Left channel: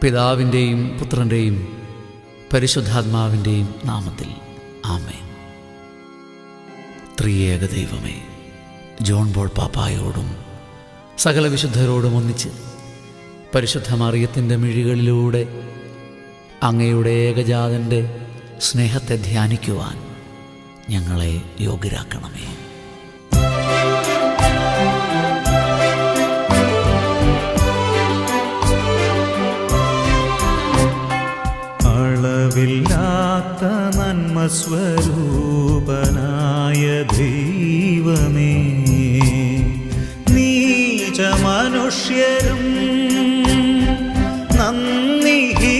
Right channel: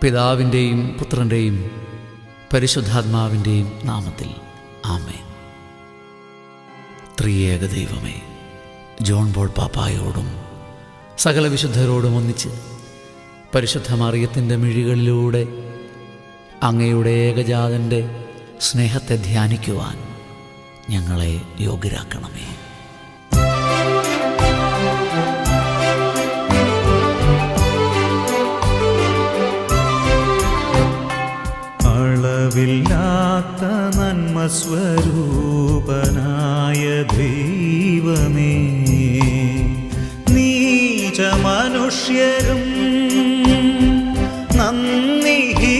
പിതാവിൻ്റെയും പുത്രൻ്റെയും പരിശുദ്ധാത്മാവിൻ്റെയും നാമത്തിൽ ആമേൻ. ത്രിയേക ദൈവമേ, ജോൺ പോൾ പാപ്പായോടും സകല വിശുദ്ധരോടും ഒന്നിച്ച് പരിശുദ്ധ മറിയത്തിൻ്റെ മിഴികളിലൂടെ അങ്ങയുടെ ഏകജാതൻ്റെ സ്നേഹത്തെ ധ്യാനിക്കുവാൻ ഞങ്ങളെ യോഗ്യരാക്കണമേ. അളവില്ലാത്ത നന്മ സ്വരൂപനായ ദൈവമേ, നീച മനുഷ്യരും നന്ദിഹീനരും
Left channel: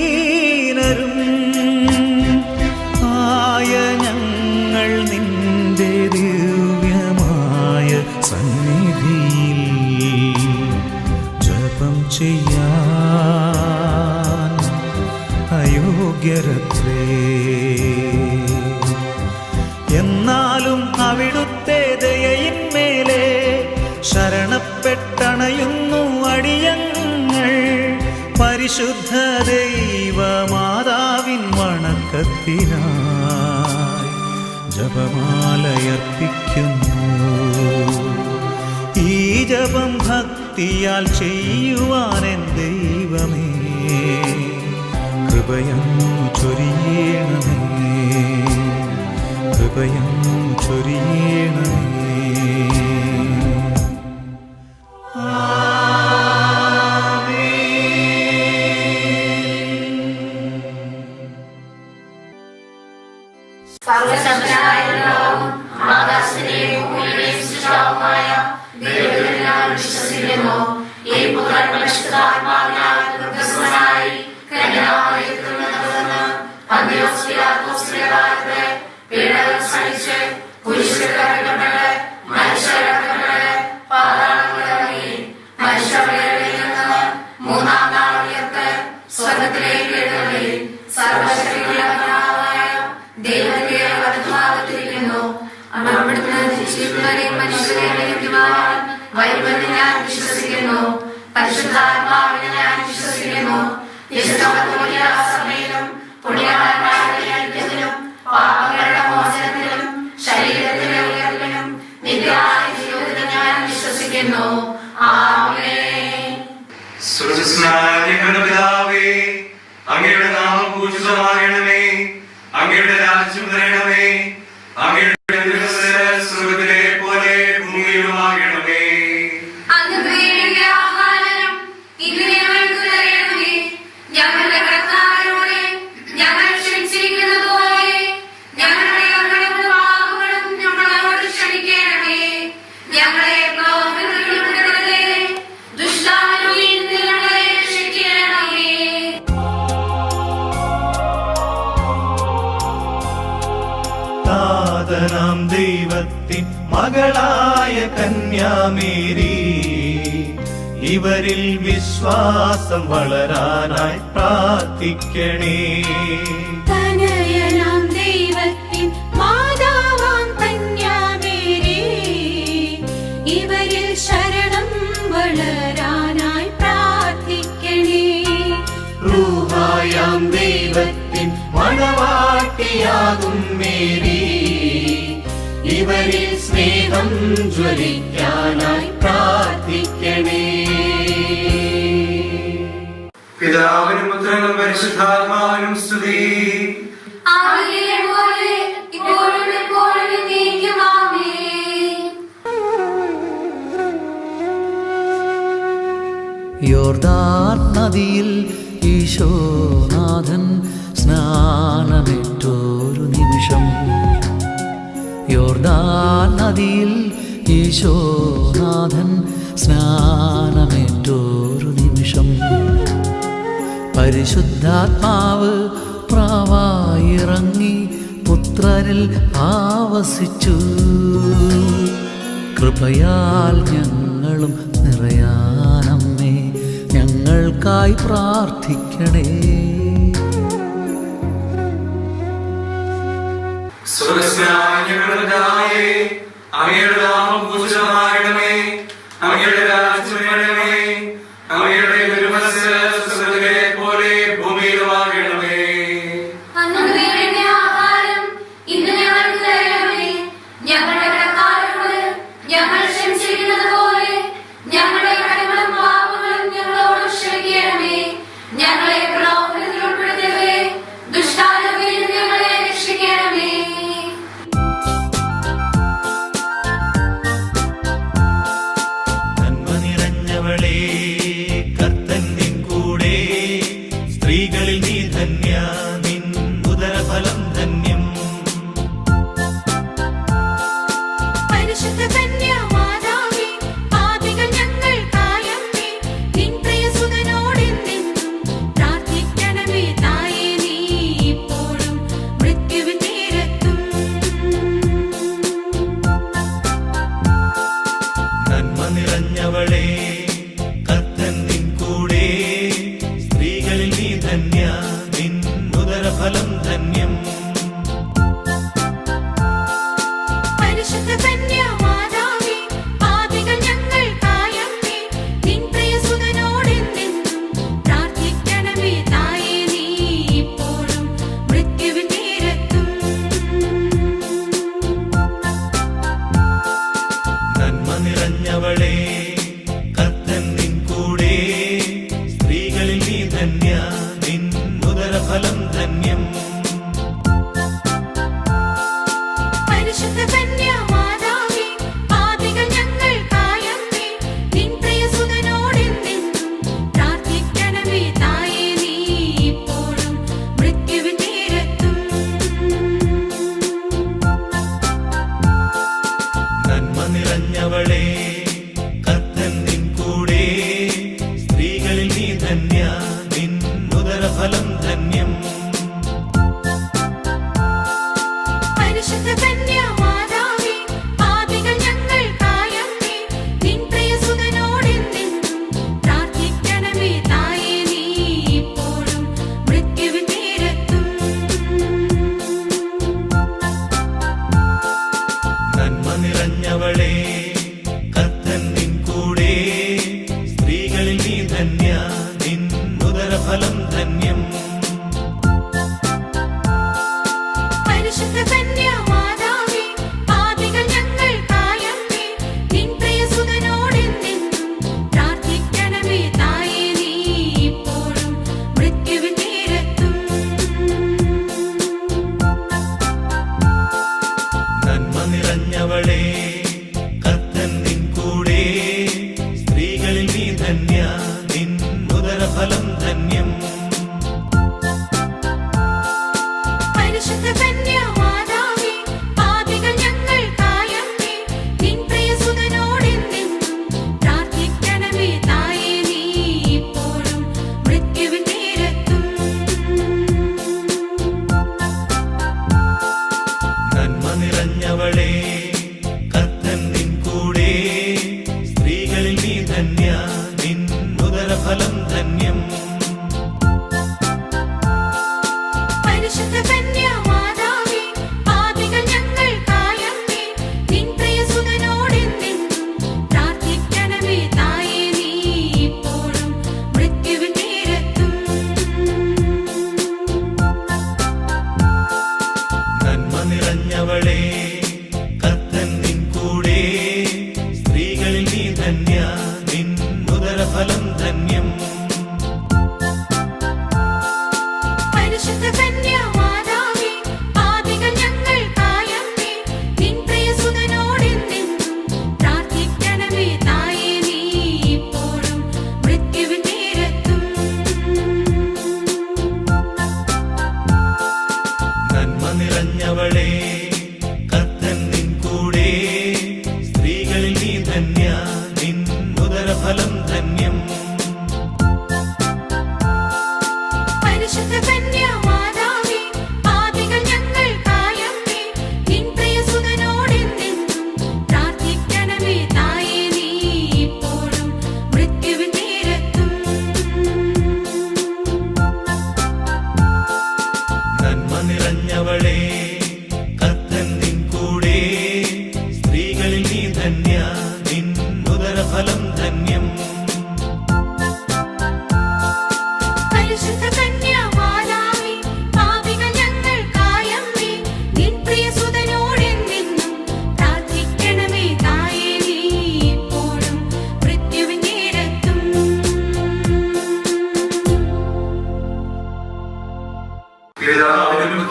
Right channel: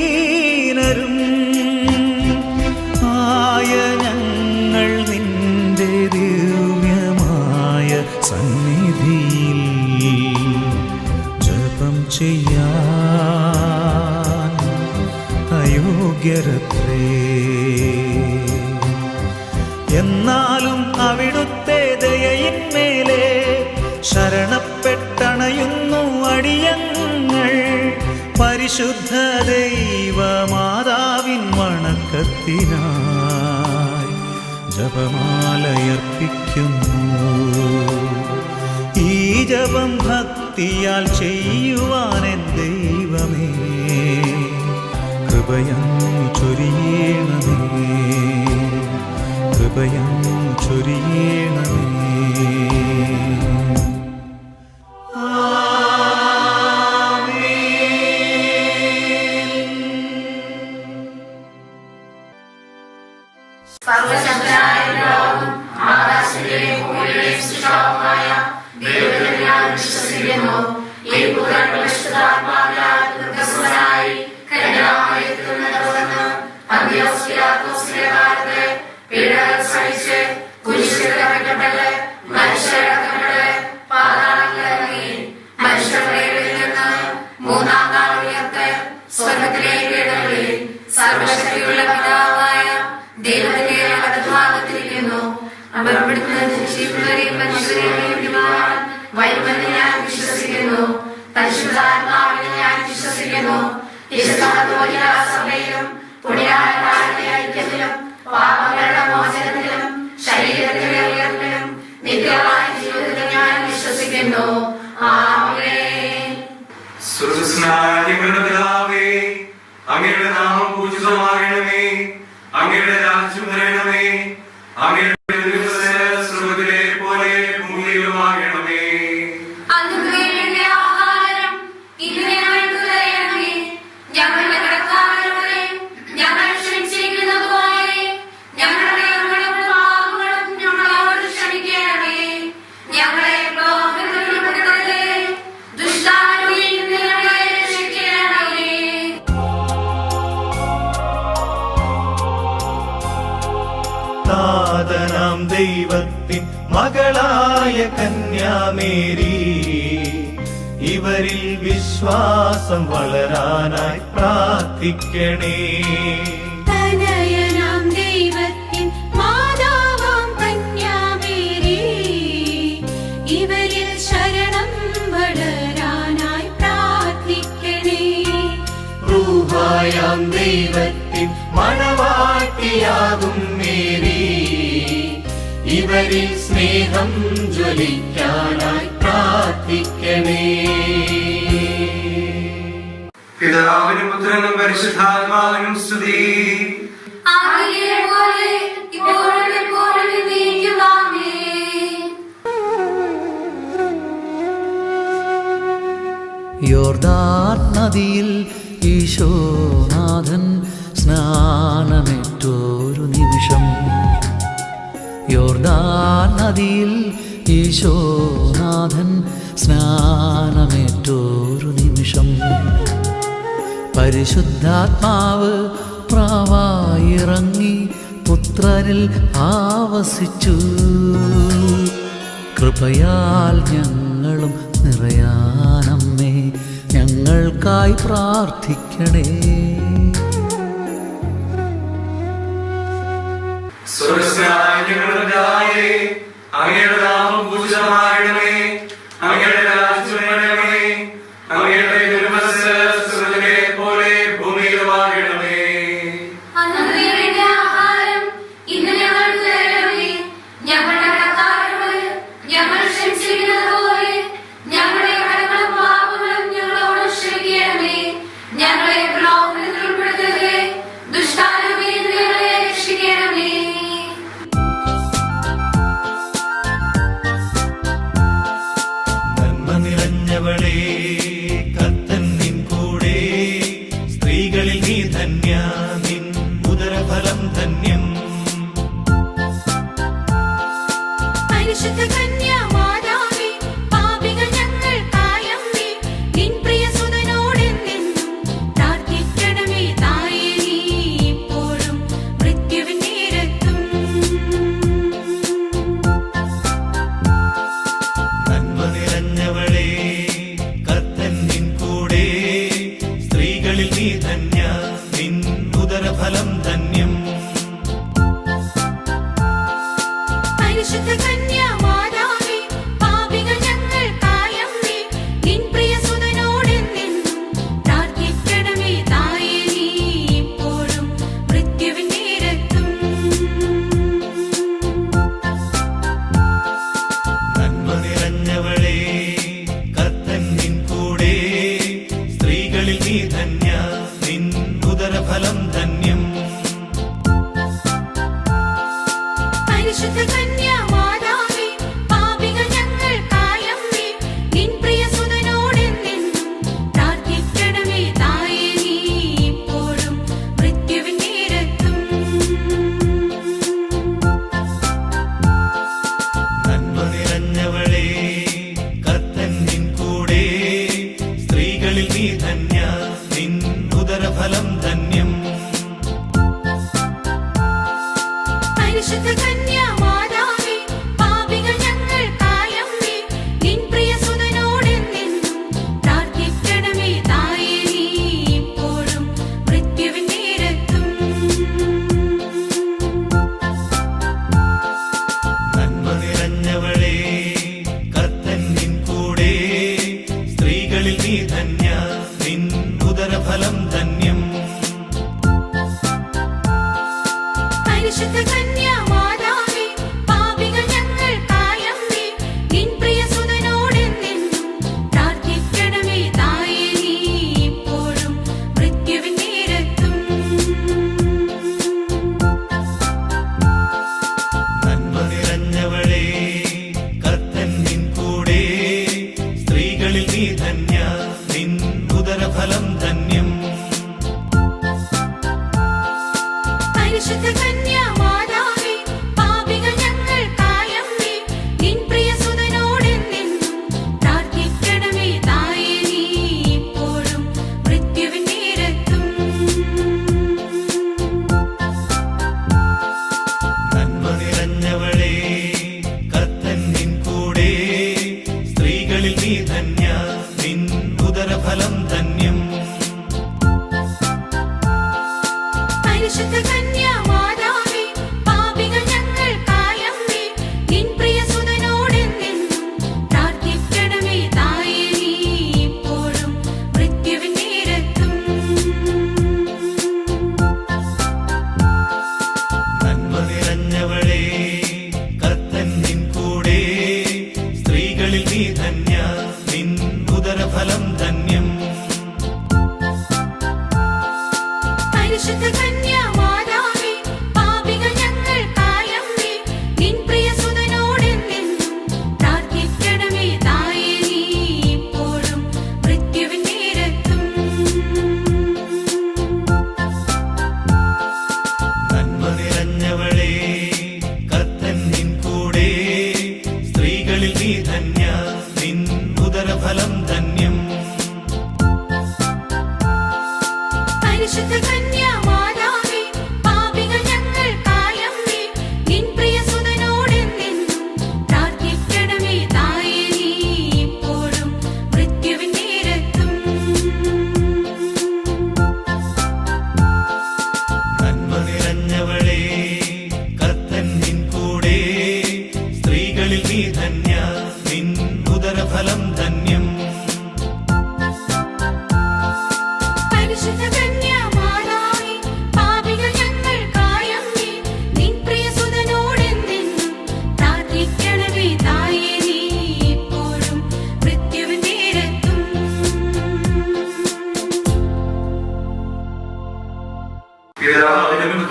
ആയ ഞങ്ങൾ നിന്റെ ദിവ്യമായ സന്നിധിയിൽ ജപം ചെയ്യാൻ അയോഗ്യരത്രേ. എന്നാലും അവിടുത്തെ ദയയിന്മേലെ ശരണപ്പെട്ടണയുന്നു അടിയങ്ങൾ. പരിശുദ്ധ ദൈവമാതാവിൻ വണക്കത്തിനായി ജപമാലയർപ്പിക്കുന്നു. ഈ ജപം ഭക്തിയാൽ ചെയ്യുവാനെൻ ദൈവമേ, കൃപയങ്ങു ചൊരിയണമേ, കൃപയങ്ങു ചൊരിയണമേ. പരിശുദ്ധാത്മാവിനെ ഞാൻ വിശ്വസിക്കുന്നു. സഭയിലും പുണ്യവാന്മാരുടെ ഐക്യത്തിലും പാപങ്ങളുടെ മോചനത്തിലും ശരീരത്തിലെ ഉയർപ്പിലും നിത്യമായ ജീവിതത്തിലും ഞാൻ വിശ്വസിക്കുന്നു. ആമേൻ. സ്വർഗ്ഗസ്ഥനായ പിതാവേ, അങ്ങയുടെ നാമം പൂജിതമാകണമേ, അങ്ങയുടെ രാജ്യം വരണമേ, അങ്ങയുടെ സ്വർഗ്ഗത്തിലെ പോലെ ഭൂമിയിലുമാകണമേ. ഞങ്ങളുടെ കർത്താവിനോട് ഞങ്ങൾ ക്ഷമിച്ചിരിക്കുന്നത് പോലെ ഞങ്ങളുടെ പാപങ്ങളും ഞങ്ങളോട് ക്ഷമിക്കണമേ. ഞങ്ങളെ പ്രലോഭനത്തിൽപ്പെടുത്തരുതേ, ദുഷ്ടാരൂപിയിൽ നിന്ന് ഞങ്ങളെ രക്ഷിക്കണമേ. നാഥനാം ദൈവത്തിൻ മകളായ കന്യാമേരി, ഇവരിൽ വിശ്വാസം വളരാനായി പ്രാർത്ഥിക്കണേ. തനയനാം ദൈവത്തിൻ മാതാവാം കന്യാമേരി, ഇവരിൽ ശരണം വളരാനായി പ്രാർത്ഥിക്കണേ. റൂഹായാം ദൈവത്തിൻ മണവാട്ടിയാകും മേരി, ഇവരിൽ സ്നേഹം ജ്വലിക്കാനായി പ്രാർത്ഥിക്കണേ. പിതാവിനും പുത്രനും പരിശുദ്ധാത്മാവിനും സ്തുതി. യോർദാൻ നദിയിൽ ഈശോനാഥൻ സ്നാനമേറ്റൊരു നിമിഷം. യോർദാൻ നദിയിൽ ഈശോനാഥൻ സ്നാനമേറ്റൊരു നിമിഷം. പരിശുദ്ധാത്മാവ് പ്രാവായിറങ്ങി പുത്രനിൽ ആവസിച്ചു. കൃപയാൽ ഞങ്ങളും നിറയാനമ്മേ, ഞങ്ങൾക്കായി പ്രാർത്ഥിക്കണേ. സ്വർഗ്ഗസ്ഥനായ ഞങ്ങളുടെ പിതാവേ, അങ്ങയുടെ നാമം പൂജിതമാകണമേ, അങ്ങയുടെ രാജ്യം വരണമേ, അങ്ങയുടെ തിരുമനസ്സ് സ്വർഗ്ഗത്തിലെ പോലെ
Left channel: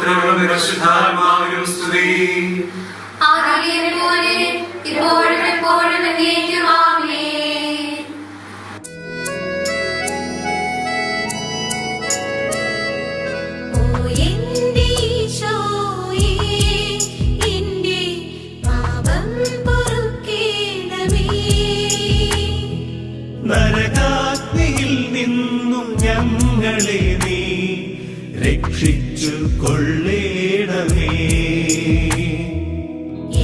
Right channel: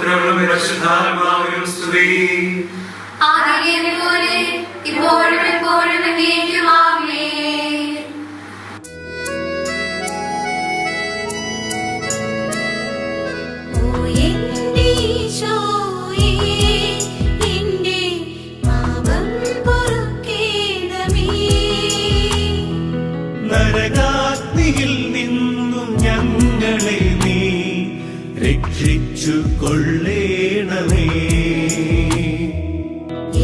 പുത്രനും പരിശുദ്ധാത്മാവിനും സ്തുതി. ആദിയിലെ ഇപ്പോഴും എപ്പോഴും എന്നേക്കും ആമേൻ. ഓ എന്റെ ഈശോയേ, എന്റെ പാപം പൊറുക്കേണമേ. നരകാഗ്നിയിൽ നിന്നും ഞങ്ങളെ നീ രക്ഷിച്ചു കൊള്ളേണമേ.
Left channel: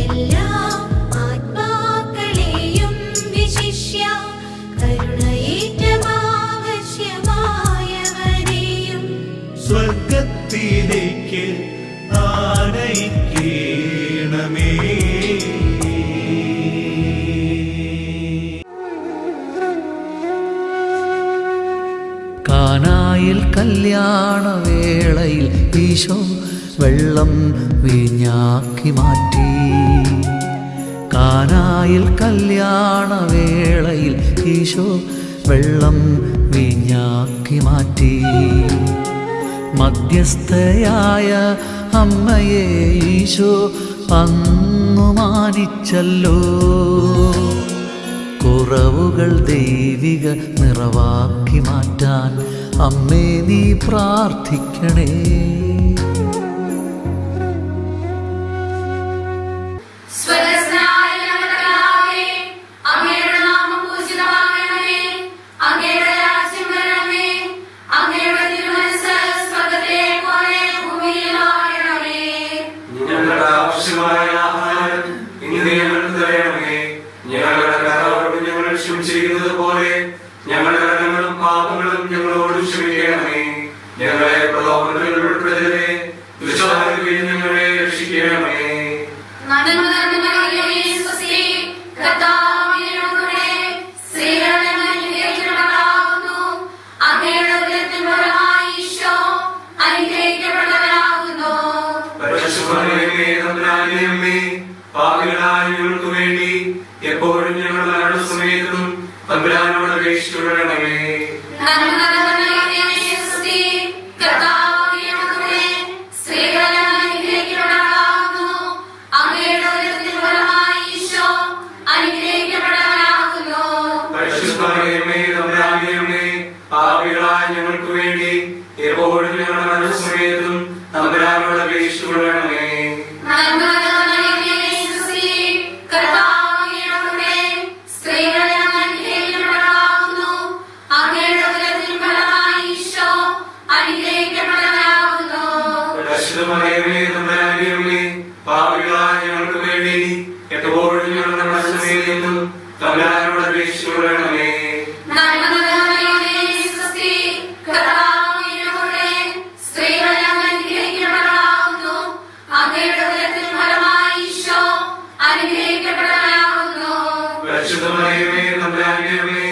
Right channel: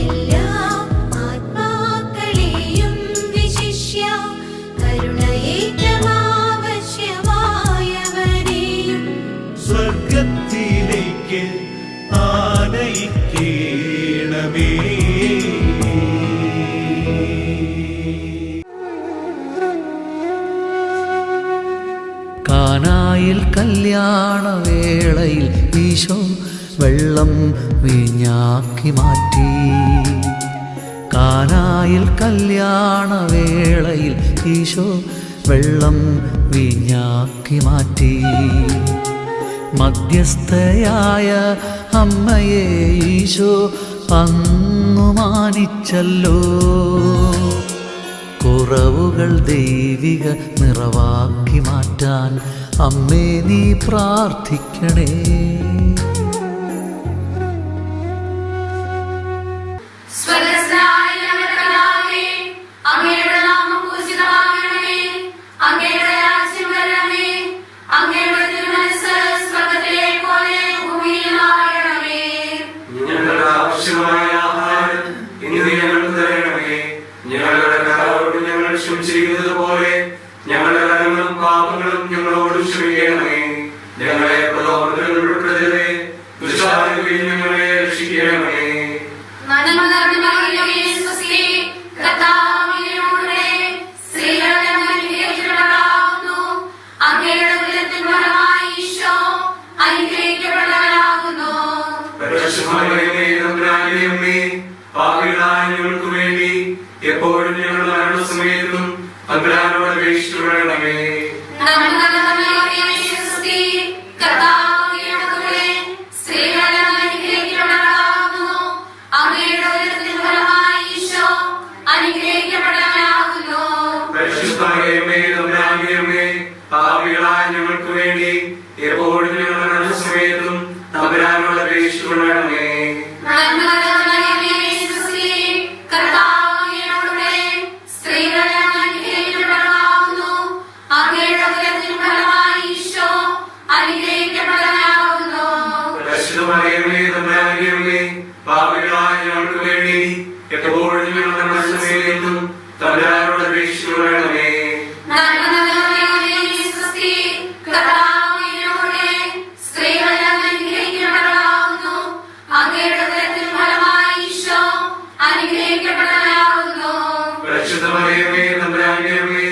എല്ലാ ആത്മാക്കളെയും വിശിഷ്യ കരുണയേറ്റമാവശ്യമായവരെയും സ്വർഗത്തിലേക്ക് ആനയിക്കേണമേ. കാനായിൽ കല്യാണവേളയിൽ ഈശോ വെള്ളം വീഞ്ഞാക്കി മാറ്റി. കാനായിൽ കല്യാണവേളയിൽ ഈശോ വെള്ളം വീഞ്ഞാക്കി മാറ്റി. മധ്യസ്ഥയായ അമ്മയെ ഈശോ അങ്ങു മാനിച്ചല്ലോ. കുറവുകൾ ദൈവിക നിറവാക്കി മാറ്റാൻ അമ്മേ നീ പ്രാർത്ഥിക്കണേ. സ്വർഗ്ഗസ്ഥനായ ഞങ്ങളുടെ പിതാവേ, അങ്ങയുടെ നാമം പൂജിതമാകണമേ. അങ്ങയുടെ രാജ്യം വരണമേ. അങ്ങയുടെ തിരുമനസ്സ് സ്വർഗ്ഗത്തിലെ പോലെ ഭൂമിയിലുമാകണമേ. ഞങ്ങളുടെ ആവശ്യമായ ആഹാരം ഇന്ന് ഞങ്ങൾക്ക് തരണമേ. ഞങ്ങളുടെ കടങ്ങളോട് ഞങ്ങൾ ക്ഷമിച്ചിരിക്കുന്നത് പോലെ ഞങ്ങളുടെ കടങ്ങളും പാപങ്ങളും ഞങ്ങളോട് ക്ഷമിക്കണമേ. ഞങ്ങളെ പ്രലോഭനങ്ങളിൽ ഉൾപ്പെടുത്തരുതേ, ദുഷ്ടാരൂപിയിൽ ഞങ്ങളെ രക്ഷിക്കണമേ. നന്മ നിറഞ്ഞ മറിയമേ, സ്വസ്തി, കർത്താവ് അങ്ങയോടുകൂടെ സ്ത്രീകളിൽ അങ്ങ് അനുഗ്രഹിക്കപ്പെട്ടവളാകുന്നു. അങ്ങയുടെ ഉദരത്തിൻ ഫലമായി ഈശോ അനുഗ്രഹിക്കപ്പെട്ടവനാകുന്നു. പരിശുദ്ധമറിയമേ, തമ്പുരാന്റെ അമ്മേ, പാപികളായ ഞങ്ങൾക്ക് വേണ്ടി എപ്പോഴും ഞങ്ങളുടെ മരണസമയത്തും തമ്പുരാനോട് അപേക്ഷിക്കണമേ. നന്മ നിറഞ്ഞ മറിയമേ, സ്വസ്തി, കർത്താവ് അങ്ങയോടുകൂടെ സ്ത്രീകളിൽ അങ്ങ് അനുഗ്രഹിക്കപ്പെട്ടവളാകുന്നു. അങ്ങയുടെ ഉദരത്തിൻ ഫലമായി ഈശോ അനുഗ്രഹിക്കപ്പെട്ടവനാകുന്നു. പരിശുദ്ധമറിയമേ, തമ്പുരാന്റെ അമ്മേ, പാപികളായ ഞങ്ങൾക്ക് വേണ്ടി എപ്പോഴും ഞങ്ങളുടെ മരണസമയത്തും തമ്പുരാനോട് അപേക്ഷിക്കണമേ. നന്മ നിറഞ്ഞ മറിയമേ, സ്വസ്തി, കർത്താവ് അങ്ങയോടുകൂടെ സ്ത്രീകളിൽ അങ്ങ് അനുഗ്രഹിക്കപ്പെട്ടവളാകുന്നു. അങ്ങയുടെ ഉദരത്തിൻ ഫലമായി ഈശോ അനുഗ്രഹിക്കപ്പെട്ടവനാകുന്നു. പരിശുദ്ധമറിയമേ, തമ്പുരാന്റെ അമ്മേ, പാപികളായ ഞങ്ങൾക്ക് വേണ്ടി എപ്പോഴും ഞങ്ങളുടെ മരണസമയത്തും തമ്പുരാനോട് അപേക്ഷിക്കണമേ. നന്മ നിറഞ്ഞ മറിയമേ, സ്വസ്തി, കർത്താവ് അങ്ങയോടുകൂടെ സ്ത്രീകളിൽ അങ്ങ് അനുഗ്രഹിക്കപ്പെട്ടവളാകുന്നു. അങ്ങയുടെ ഉദരത്തിൻ ഫലമായി ഈശോ അനുഗ്രഹിക്കപ്പെട്ടവനാകുന്നു. പരിശുദ്ധമറിയമേ, തമ്പുരാന്റെ അമ്മേ,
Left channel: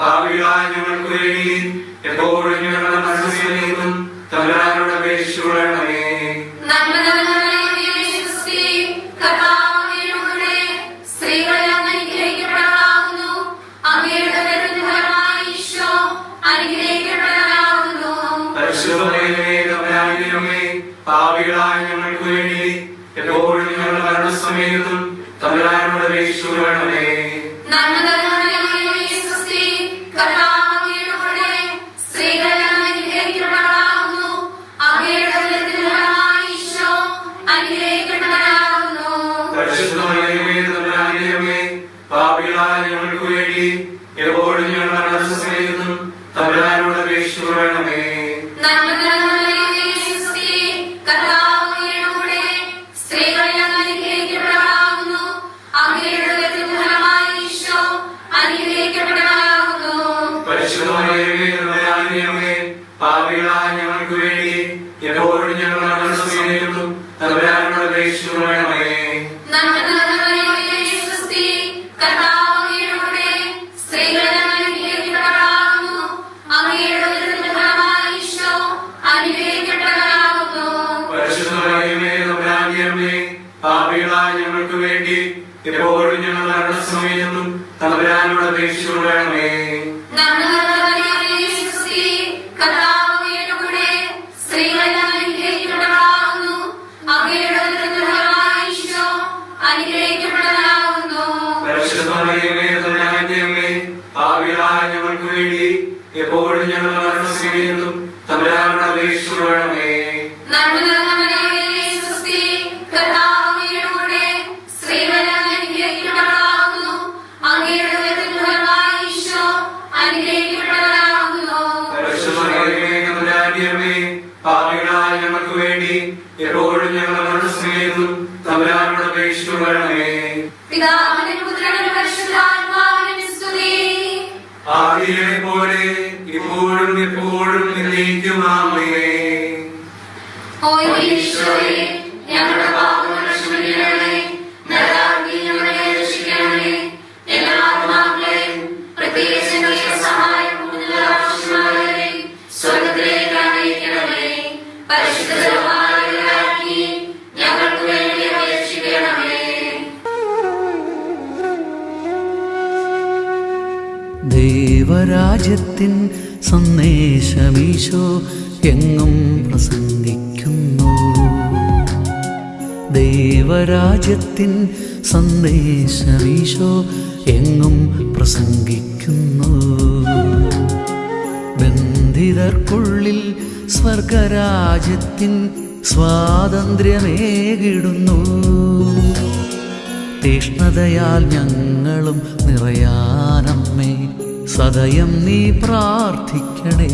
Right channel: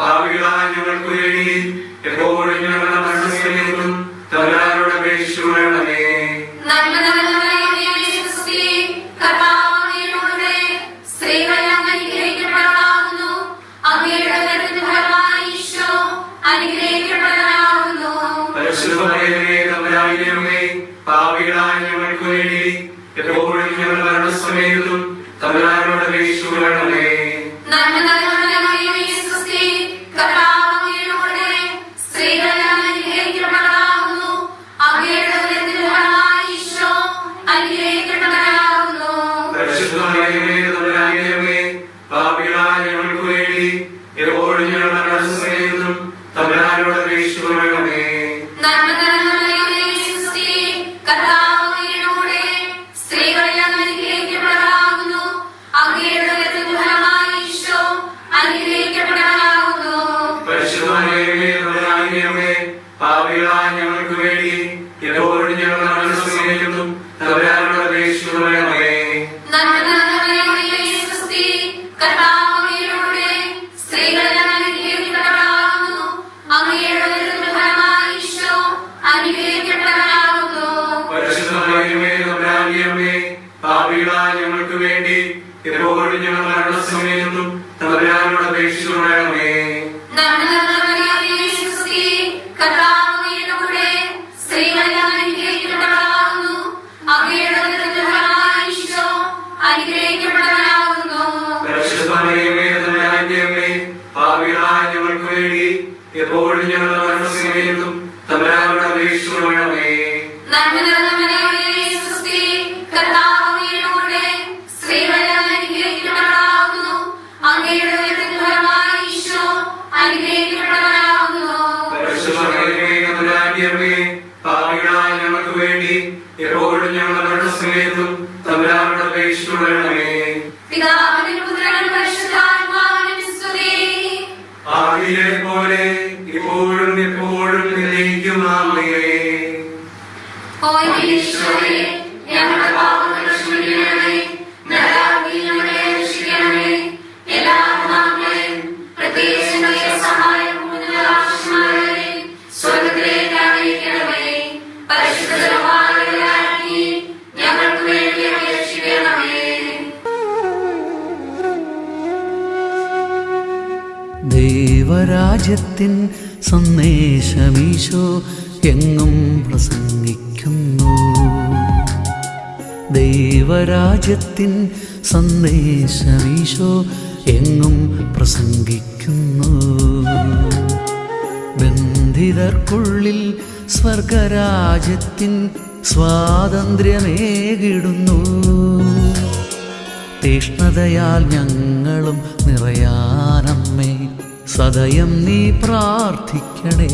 പാപികളായ ഞങ്ങൾക്ക് വേണ്ടി എപ്പോഴും ഞങ്ങളുടെ മരണസമയത്തും തമ്പുരാനോട് അപേക്ഷിക്കണമേ. നന്മ നിറഞ്ഞ മറിയമേ, സ്വസ്തി, കർത്താവ് അങ്ങയോടുകൂടെ സ്ത്രീകളിൽ അങ്ങ് അനുഗ്രഹിക്കപ്പെട്ടവളാകുന്നു. അങ്ങയുടെ ഉദരത്തിൻ ഫലമായി ഈശോ അനുഗ്രഹിക്കപ്പെട്ടവനാകുന്നു. പരിശുദ്ധമറിയമേ, തമ്പുരാന്റെ അമ്മേ, പാപികളായ ഞങ്ങൾക്ക് വേണ്ടി എപ്പോഴും ഞങ്ങളുടെ മരണസമയത്തും തമ്പുരാനോട് അപേക്ഷിക്കണമേ. നന്മ നിറഞ്ഞ മറിയമേ, സ്വസ്തി, കർത്താവ് അങ്ങയോടുകൂടെ സ്ത്രീകളിൽ അങ്ങ് അനുഗ്രഹിക്കപ്പെട്ടവളാകുന്നു. അങ്ങയുടെ ഉദരത്തിൻ ഫലമായി ഈശോ അനുഗ്രഹിക്കപ്പെട്ടവനാകുന്നു. പരിശുദ്ധമറിയമേ, തമ്പുരാന്റെ അമ്മേ, പാപികളായ ഞങ്ങൾക്ക് വേണ്ടി എപ്പോഴും ഞങ്ങളുടെ മരണസമയത്തും തമ്പുരാനോട് അപേക്ഷിക്കണമേ. നന്മ നിറഞ്ഞ മറിയമേ, സ്വസ്തി, കർത്താവ് അങ്ങയോടുകൂടെ സ്ത്രീകളിൽ അങ്ങ് അനുഗ്രഹിക്കപ്പെട്ടവളാകുന്നു. അങ്ങയുടെ ഉദരത്തിൻ ഫലമായി ഈശോ അനുഗ്രഹിക്കപ്പെട്ടവനാകുന്നു. പരിശുദ്ധമറിയമേ, തമ്പുരാന്റെ അമ്മേ, പാപികളായ ഞങ്ങൾക്ക് വേണ്ടി എപ്പോഴും ഞങ്ങളുടെ മരണസമയത്തും തമ്പുരാനോട് അപേക്ഷിക്കണമേ. നന്മ നിറഞ്ഞ മറിയമേ, സ്വസ്തി, കർത്താവ് അങ്ങയോടുകൂടെ സ്ത്രീകളിൽ അങ്ങ് അനുഗ്രഹിക്കപ്പെട്ടവളാകുന്നു. അങ്ങയുടെ ഉദരത്തിൻ ഫലമായി ഈശോ അനുഗ്രഹിക്കപ്പെട്ടവനാകുന്നു. പരിശുദ്ധമറിയമേ, തമ്പുരാന്റെ അമ്മേ, പാപികളായ ഞങ്ങൾക്ക് വേണ്ടി എപ്പോഴും ഞങ്ങളുടെ മരണസമയത്തും തമ്പുരാനോട് അപേക്ഷിക്കണമേ. നന്മ നിറഞ്ഞ മറിയമേ, സ്വസ്തി, കർത്താവ് അങ്ങയോടുകൂടെ സ്ത്രീകളിൽ അങ്ങ് അനുഗ്രഹിക്കപ്പെട്ടവളാകുന്നു. സമയത്തും തമ്പുരാനോട് അപേക്ഷിച്ചുകൊള്ളണമേ. നന്മ നിറഞ്ഞ മറിയമേ, സ്വസ്തി, കർത്താവ് അങ്ങയോടുകൂടെ സ്ത്രീകളിൽ അങ്ങ് അനുഗ്രഹിക്കപ്പെട്ടവളാകുന്നു. അങ്ങയുടെ ഉദരത്തിൻ ഫലമായി ഈശോ അനുഗ്രഹിക്കപ്പെട്ടവനാകുന്നു. പരിശുദ്ധ മറിയമേ, തമ്പുരാന്റെ അമ്മേ, പാപികളായ ഞങ്ങൾക്ക് വേണ്ടി എപ്പോഴും ഞങ്ങളുടെ മരണസമയത്തും തമ്പുരാനോട് അപേക്ഷിച്ചുകൊള്ളണമേ. പിതാവിനും പുത്രനും പരിശുദ്ധാത്മാവിനും സ്തുതി. ആദിയിലെ പോലെ ഇപ്പോഴും എപ്പോഴും എന്നേക്കും ആമേൻ. ഓ ഈശോയേ, ഞങ്ങളുടെ പാപങ്ങൾ ക്ഷമിക്കണമേ, നരകാഗ്നിയിൽ ഞങ്ങളെ രക്ഷിക്കണമേ. എല്ലാ ആത്മാക്കളെയും പ്രത്യേകിച്ച് അങ്ങയുടെ സഹായം കൂടുതൽ ആവശ്യമുള്ളവരെ സ്വർഗ്ഗത്തിലേക്ക് അയക്കണമേ. പരിശുദ്ധ ജപമാലയാക്കി ഞങ്ങൾക്ക് വേണ്ടി അപേക്ഷിക്കണമേ. ദൈവരാജ്യത്തിൻ സന്ദേശമീശോ എങ്ങും പ്രസംഗിക്കുന്നു. ദൈവരാജ്യത്തിൻ സന്ദേശമീശോ എങ്ങും പ്രസംഗിക്കുന്നു. ബന്ധിതർക്കുള്ളിൽ സ്വർഗരാജ്യത്തിൻ സ്വാതന്ത്ര്യമേകിടുന്നു. തീഷ്ണതയാൽ ഞങ്ങളും നിറയാനമ്മേ, സദയം നീ പ്രാർത്ഥിക്കണേ.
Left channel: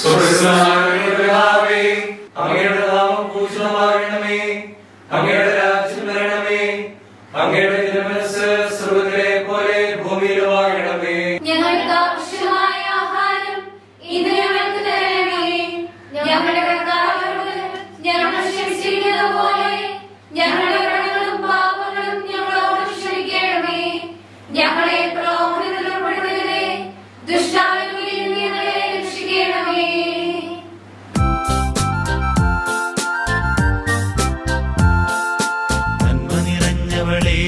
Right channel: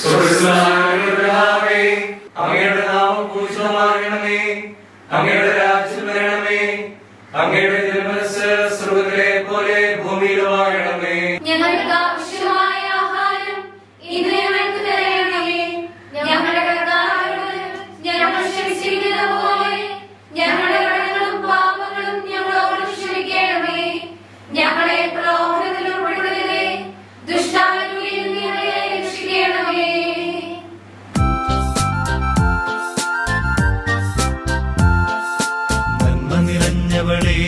സ്വർഗ്ഗസ്ഥനായ അങ്ങയുടെ നാമം പൂജിതമാകണമേ. അങ്ങയുടെ രാജ്യം വരണമേ. അങ്ങയുടെ തിരുമനസ്സ് സ്വർഗ്ഗത്തിലെ പോലെ ഭൂമിയിലുമാകണമേ. ഞങ്ങൾക്ക് ആവശ്യമായ ആഹാരം ഇന്ന് ഞങ്ങൾക്ക് തരണമേ. ഞങ്ങളുടെ കർത്താവിനോട് ഞങ്ങൾ ക്ഷമിച്ചിരിക്കുന്നത് പോലെ ഞങ്ങളുടെ കടങ്ങളും പാപങ്ങളും ഞങ്ങളോട് ക്ഷമിക്കണമേ. ഞങ്ങളെ പ്രലോഭനത്തിൽ ഉൾപ്പെടുത്തരുതേ, ദുഷ്ടാവിൽ നിന്ന് ഞങ്ങളെ രക്ഷിക്കണമേ. നന്മ നിറഞ്ഞവളേ,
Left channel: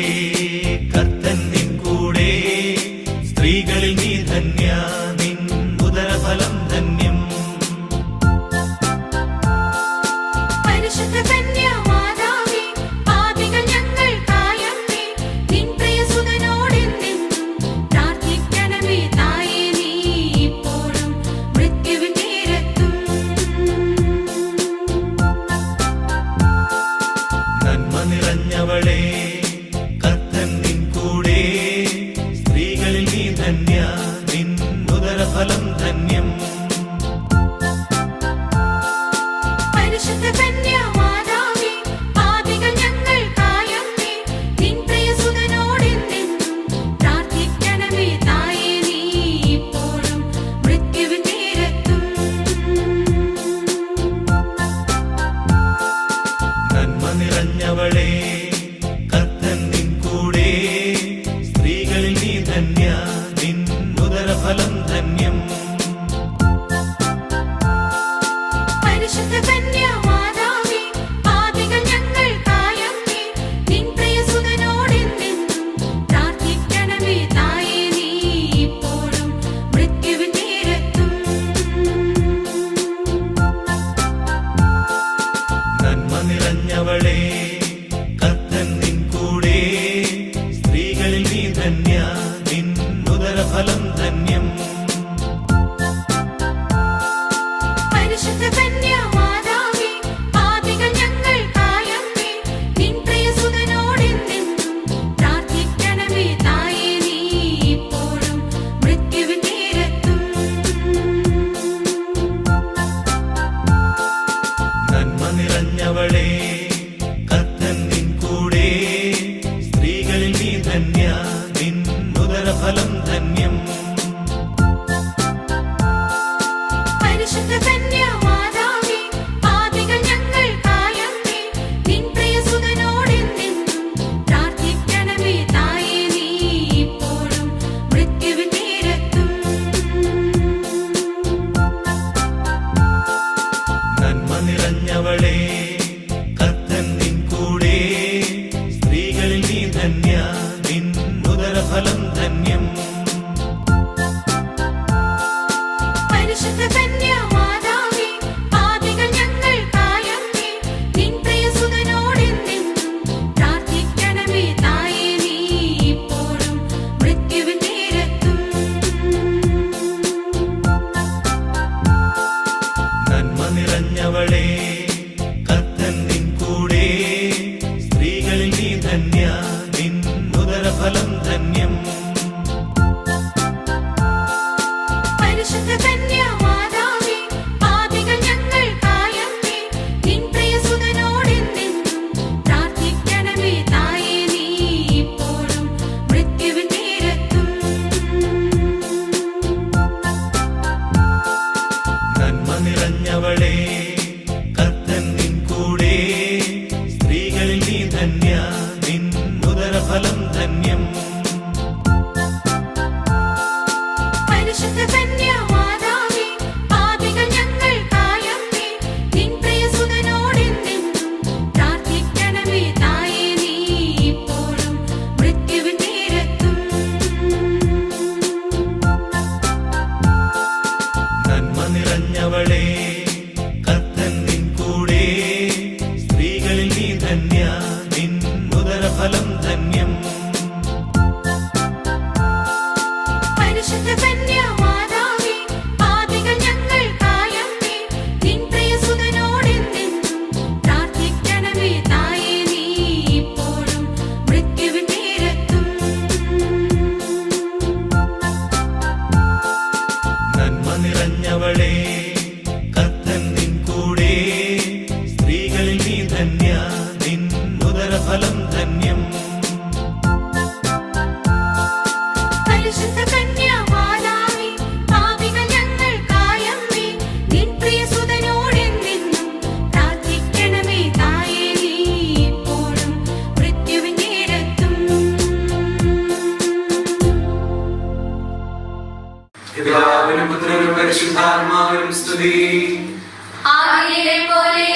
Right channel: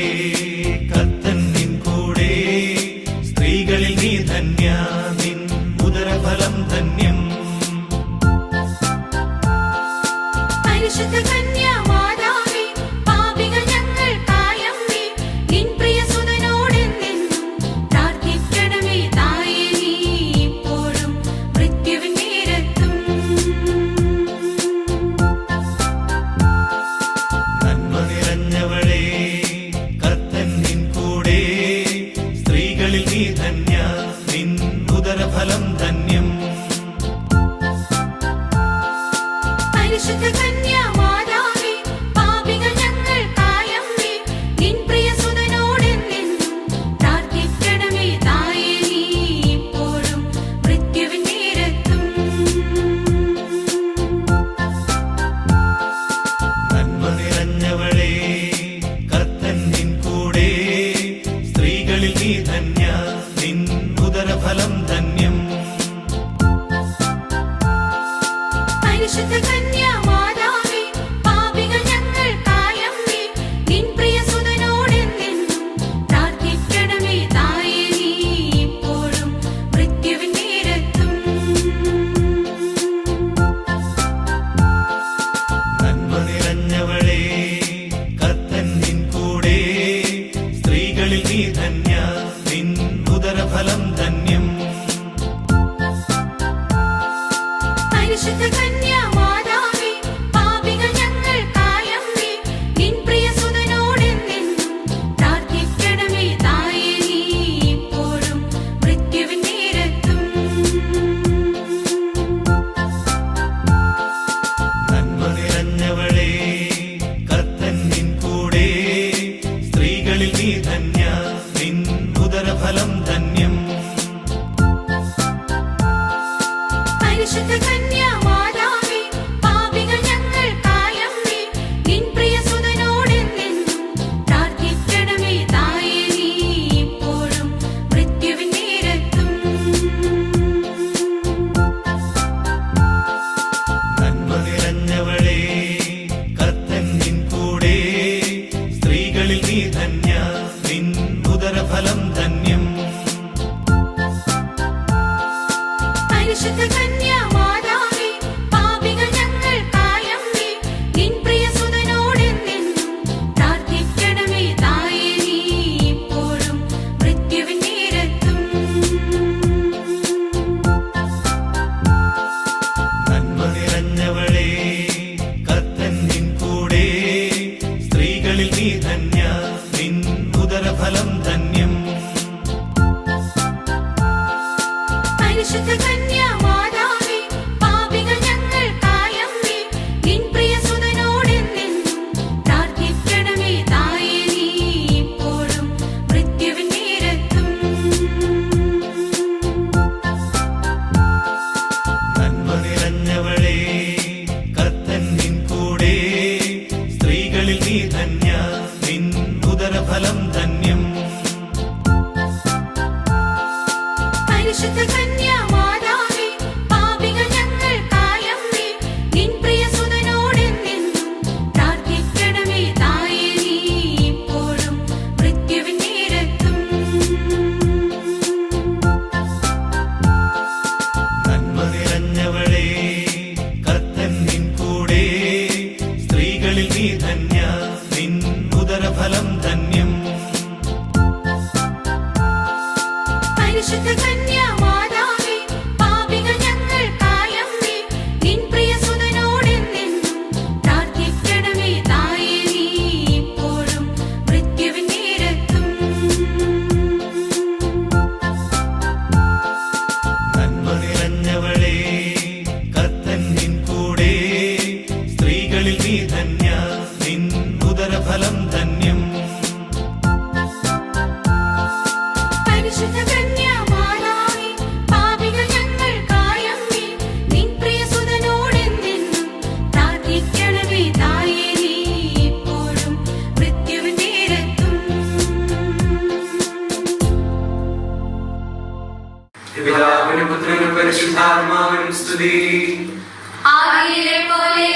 കർത്തൻ നിൻ കൂടെ, സ്ത്രീകളിൽ നീ ധന്യ, നിൻ ഉദരഫലം ധന്യം. പരിശുദ്ധ കന്യാമാതാവേ, പാപികൾ ഞങ്ങൾക്കായമ്മേ, നിൻ പ്രിയസുതനോടെന്നും പ്രാർത്ഥിക്കണമേ തായേ, നീ ഇപ്പോഴും മൃത്യുവിൻ നേരത്തും. നന്മ നിറഞ്ഞവളേ, കർത്തൻ നിൻ കൂടെ, സ്ത്രീകളിൽ നീ ധന്യ, നിൻ ഉദരഫലം ധന്യം. പരിശുദ്ധ കന്യാമാതാവേ, പാപികൾ ഞങ്ങൾക്കായമ്മേ, നിൻ പ്രിയസുതനോടെന്നും പ്രാർത്ഥിക്കണമേ തായേ, നീ ഇപ്പോഴും മൃത്യുവിൻ നേരത്തും. നന്മ നിറഞ്ഞവളേ, കർത്തൻ നിൻ കൂടെ, സ്ത്രീകളിൽ നീ ധന്യ, നിൻ പിതാവിനും പുത്രനും പരിശുദ്ധാത്മാവിനും സ്തുതി. ആദിയിലെ പോലെ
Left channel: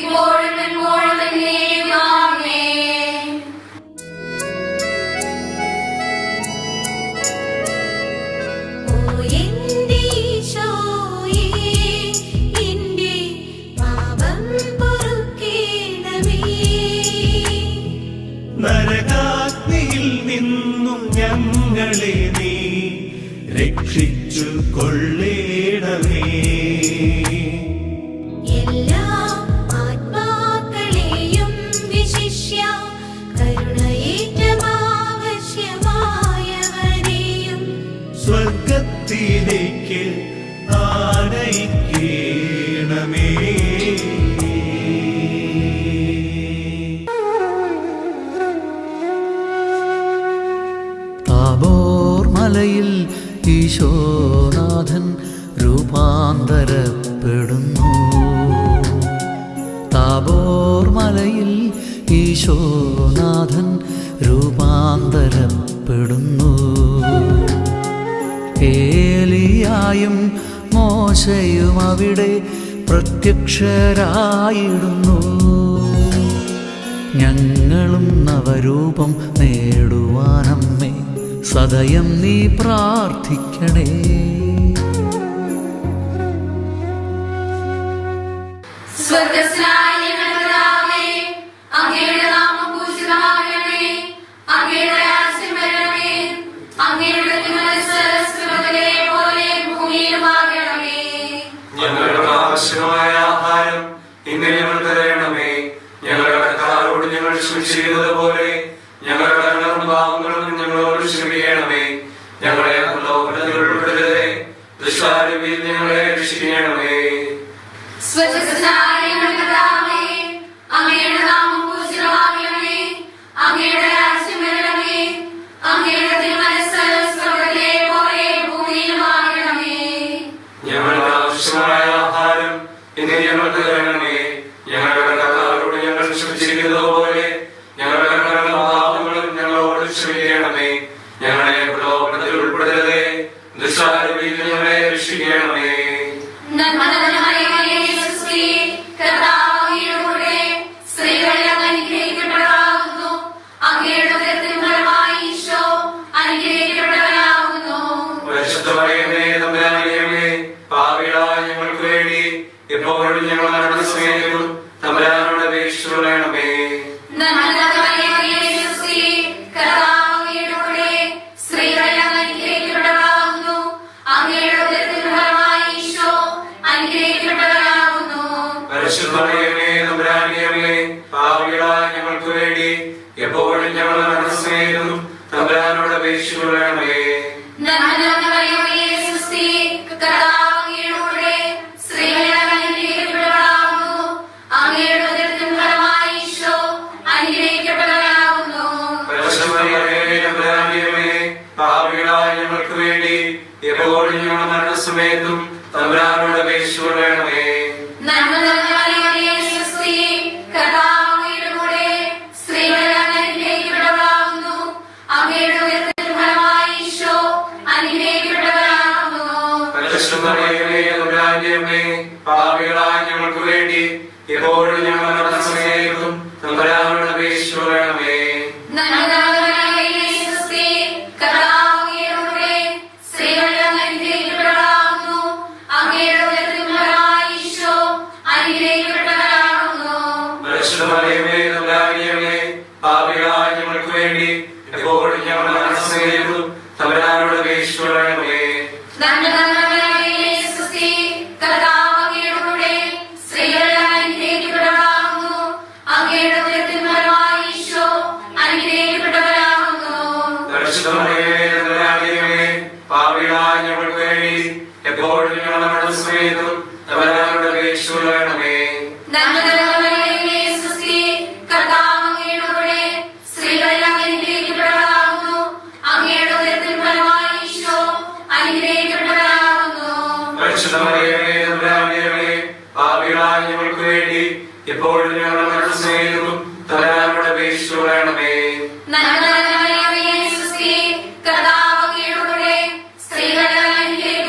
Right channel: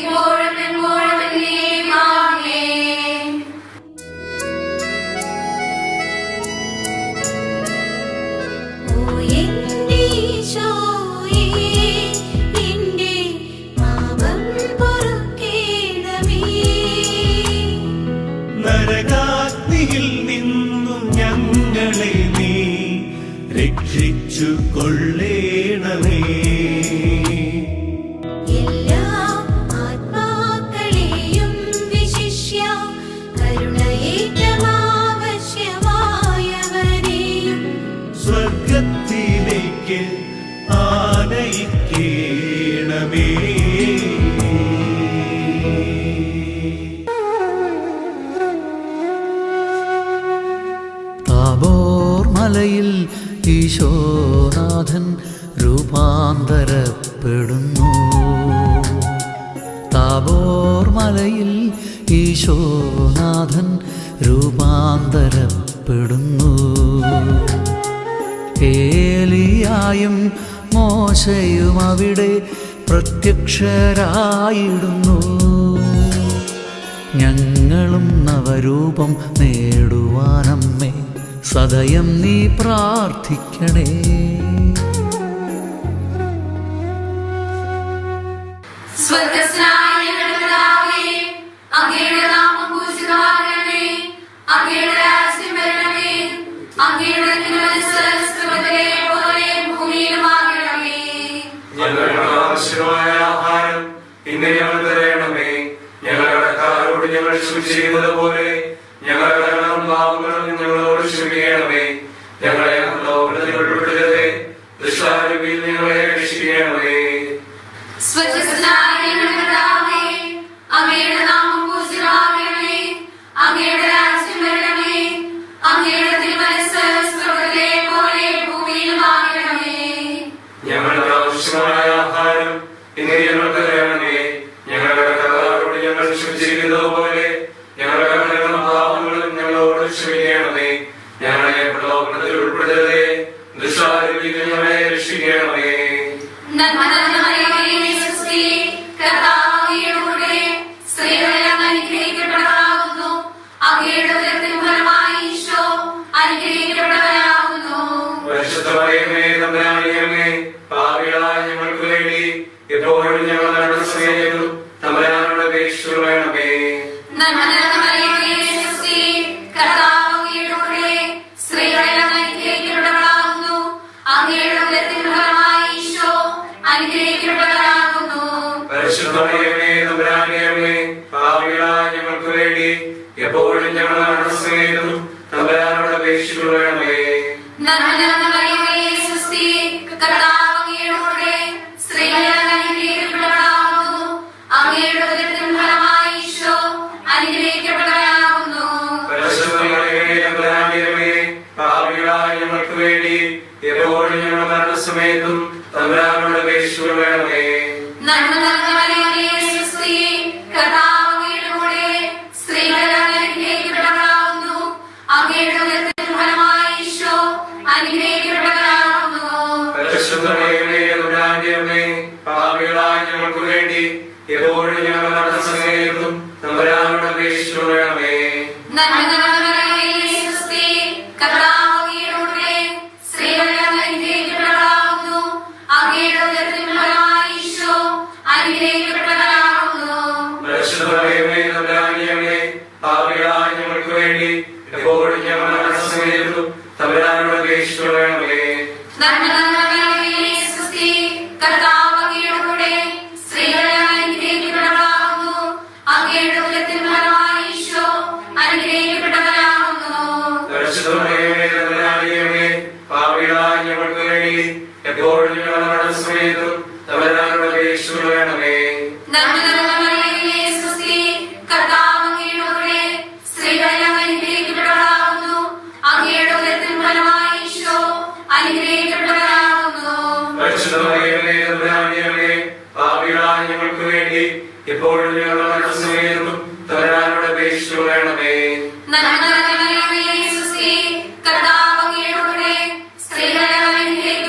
ഇപ്പോഴും എപ്പോഴും എന്നേക്കും ആമേൻ. ഓ എന്റെ ഈശോയേ, എന്റെ പാപം പൊറുക്കേണമേ. നരകാഗ്നിയിൽ നിന്നും ഞങ്ങളെ നീ രക്ഷിച്ചു കൊള്ളേണമേ. എല്ലാ ആത്മാക്കളെയും വിശിഷ്യ കരുണയേറ്റമാവശ്യമായവരെയും സ്വർഗത്തിലേക്ക് ആനയിക്കേണമേ. താബോർ മലയിൽ ഈശോനാഥൻ രൂപാന്തരപ്പെടുന്നു. താബോർ മലയിൽ ഈശോനാഥൻ രൂപാന്തരപ്പെടുന്നു. ഏലിയായും മോശയും അവിടെ പ്രത്യക്ഷരായിടുന്നു. ഞങ്ങളും നവരൂപം നേടുവാനമ്മേ സദയം നീ പ്രാർത്ഥിക്കണേ. സ്വർഗ്ഗസ്ഥനായ ഞങ്ങളുടെ പിതാവേ, അങ്ങയുടെ നാമം പൂജിതമാകണമേ. അങ്ങയുടെ രാജ്യം വരണമേ. അങ്ങയുടെ തിരുമനസ്സ് സ്വർഗ്ഗത്തിലെ പോലെ ഭൂമിയിലുമാകണമേ. ഞങ്ങൾക്ക് ആവശ്യമായ ആഹാരം ഇന്ന് ഞങ്ങൾ തരണമേ. ഞങ്ങളുടെ കടക്കാരോട് ഞങ്ങൾ ക്ഷമിച്ചിരിക്കുന്നത് പോലെ ഞങ്ങളുടെ കടങ്ങളും പാപങ്ങളും ഞങ്ങളോട് ക്ഷമിക്കണമേ. ഞങ്ങളെ പ്രലോഭനത്തിൽ ഉൾപ്പെടുത്തരുതേ, ദുഷ്ടാരൂപിയിൽ ഞങ്ങളെ രക്ഷിക്കണമേ. സ്വർഗ്ഗസ്ഥനായ ഞങ്ങളുടെ പിതാവേ, അങ്ങയുടെ നാമം പൂജിതമാകണമേ. അങ്ങയുടെ രാജ്യം വരണമേ. അങ്ങയുടെ തിരുമനസ്സ് സ്വർഗ്ഗത്തിലെ പോലെ ഭൂമിയിലുമാകണമേ. ഞങ്ങൾക്ക് ആവശ്യമായ ആഹാരം ഇന്ന് ഞങ്ങൾ തരണമേ. ഞങ്ങളുടെ കടക്കാരോട് ഞങ്ങൾ ക്ഷമിച്ചിരിക്കുന്നത് പോലെ ഞങ്ങളുടെ കടങ്ങളും പാപങ്ങളും ഞങ്ങളോട് ക്ഷമിക്കണമേ. ഞങ്ങളെ പ്രലോഭനത്തിൽ ഉൾപ്പെടുത്തരുതേ, ദുഷ്ടാരൂപിയിൽ ഞങ്ങളെ രക്ഷിക്കണമേ. നന്മ നിറഞ്ഞ മറിയമേ, സുസ്തി, കർത്താവ് അങ്ങയോടുകൂടെ സ്ത്രീകളിൽ അങ്ങ് അനുഗ്രഹിക്കപ്പെട്ടവളാകുന്നു. അങ്ങയുടെ ഉദരത്തിൻ ഫലമായി ഈശോ അനുഗ്രഹിക്കപ്പെട്ടവനാകുന്നു. പരിശുദ്ധ മറിയമേ, തമ്പുരാന്റെ അമ്മേ, പാപികളായ ഞങ്ങൾക്ക് വേണ്ടി എപ്പോഴും ഞങ്ങൾ മരണസമയത്തും തമ്പുരാനോട് അപേക്ഷിച്ചുകൊള്ളണമേ. നന്മ നിറഞ്ഞ മറിയമേ, സുസ്തി, കർത്താവ് അങ്ങയോടുകൂടെ സ്ത്രീകളിൽ അങ്ങ് അനുഗ്രഹിക്കപ്പെട്ടവളാകുന്നു. അങ്ങയുടെ ഉദരത്തിൻ ഫലമായി ഈശോ അനുഗ്രഹിക്കപ്പെട്ടവനാകുന്നു. പരിശുദ്ധ മറിയമേ, തമ്പുരാന്റെ അമ്മേ, പാപികളായ ഞങ്ങൾക്ക് വേണ്ടി എപ്പോഴും ഞങ്ങൾ മരണസമയത്തും തമ്പുരാനോട് അപേക്ഷിച്ചുകൊള്ളണമേ. നന്മ നിറഞ്ഞ മറിയമേ, സുസ്തി, കർത്താവ് അങ്ങയോടുകൂടെ സ്ത്രീകളിൽ അങ്ങ് അനുഗ്രഹിക്കപ്പെട്ടവളാകുന്നു. അങ്ങയുടെ ഉദരത്തിൻ ഫലമായി ഈശോ അനുഗ്രഹിക്കപ്പെട്ടവനാകുന്നു. പരിശുദ്ധ മറിയമേ, തമ്പുരാന്റെ അമ്മേ, പാപികളായ ഞങ്ങൾക്ക് വേണ്ടി എപ്പോഴും ഞങ്ങൾ മരണസമയത്തും തമ്പുരാനോട് അപേക്ഷിച്ചുകൊള്ളണമേ. നന്മ നിറഞ്ഞ മറിയമേ, സുസ്തി, കർത്താവ് അങ്ങയോടുകൂടെ സ്ത്രീകളിൽ അങ്ങ് അനുഗ്രഹിക്കപ്പെട്ടവളാകുന്നു. അങ്ങയുടെ ഉദരത്തിൻ ഫലമായി ഈശോ അനുഗ്രഹിക്കപ്പെട്ടവനാകുന്നു. പരിശുദ്ധ മറിയമേ, തമ്പുരാന്റെ അമ്മേ, പാപികളായ ഞങ്ങൾക്ക് വേണ്ടി എപ്പോഴും ഞങ്ങൾ മരണസമയത്തും തമ്പുരാനോട് അപേക്ഷിച്ചുകൊള്ളണമേ. നന്മ നിറഞ്ഞ മറിയമേ, സുസ്തി, കർത്താവ് അങ്ങയോടുകൂടെ സ്ത്രീകളിൽ അങ്ങ് അനുഗ്രഹിക്കപ്പെട്ടവളാകുന്നു. അങ്ങയുടെ ഉദരത്തിൻ ഫലമായി ഈശോ അനുഗ്രഹിക്കപ്പെട്ടവനാകുന്നു. പരിശുദ്ധ മറിയമേ, തമ്പുരാന്റെ അമ്മേ, പാപികളായ ഞങ്ങൾക്ക് വേണ്ടി എപ്പോഴും ഞങ്ങൾ മരണസമയത്തും തമ്പുരാനോട് അപേക്ഷിച്ചുകൊള്ളണമേ. നന്മ നിറഞ്ഞ മറിയമേ, സുസ്തി, കർത്താവ് അങ്ങയോടുകൂടെ സ്ത്രീകളിൽ അങ്ങ് അനുഗ്രഹിക്കപ്പെട്ടവളാകുന്നു. അങ്ങയുടെ ഉദരത്തിൻ ഫലമായി ഈശോ അനുഗ്രഹിക്കപ്പെട്ടവനാകുന്നു. പരിശുദ്ധ മറിയമേ, തമ്പുരാന്റെ അമ്മേ, പാപികളായ ഞങ്ങൾക്ക് വേണ്ടി എപ്പോഴും ഞങ്ങൾ മരണസമയത്തും തമ്പുരാനോട് അപേക്ഷിച്ചുകൊള്ളണമേ. നന്മ നിറഞ്ഞ മറിയമേ, സുസ്തി, കർത്താവ് അങ്ങയോടുകൂടെ സ്ത്രീകളിൽ അങ്ങ് അനുഗ്രഹിക്കപ്പെട്ടവളാകുന്നു. അങ്ങയുടെ ഉദരത്തിൻ ഫലമായി ഈശോ അനുഗ്രഹിക്കപ്പെട്ടവനാകുന്നു. പരിശുദ്ധ മറിയമേ, തമ്പുരാന്റെ അമ്മേ, പാപികളായ ഞങ്ങൾക്ക് വേണ്ടി എപ്പോഴും ഞങ്ങൾ മരണസമയത്തും തമ്പുരാനോട് അപേക്ഷിച്ചുകൊള്ളണമേ. നന്മ നിറഞ്ഞ മറിയമേ, സുസ്തി, കർത്താവ് അങ്ങയോടുകൂടെ സ്ത്രീകളിൽ അങ്ങ് അനുഗ്രഹിക്കപ്പെട്ടവളാകുന്നു.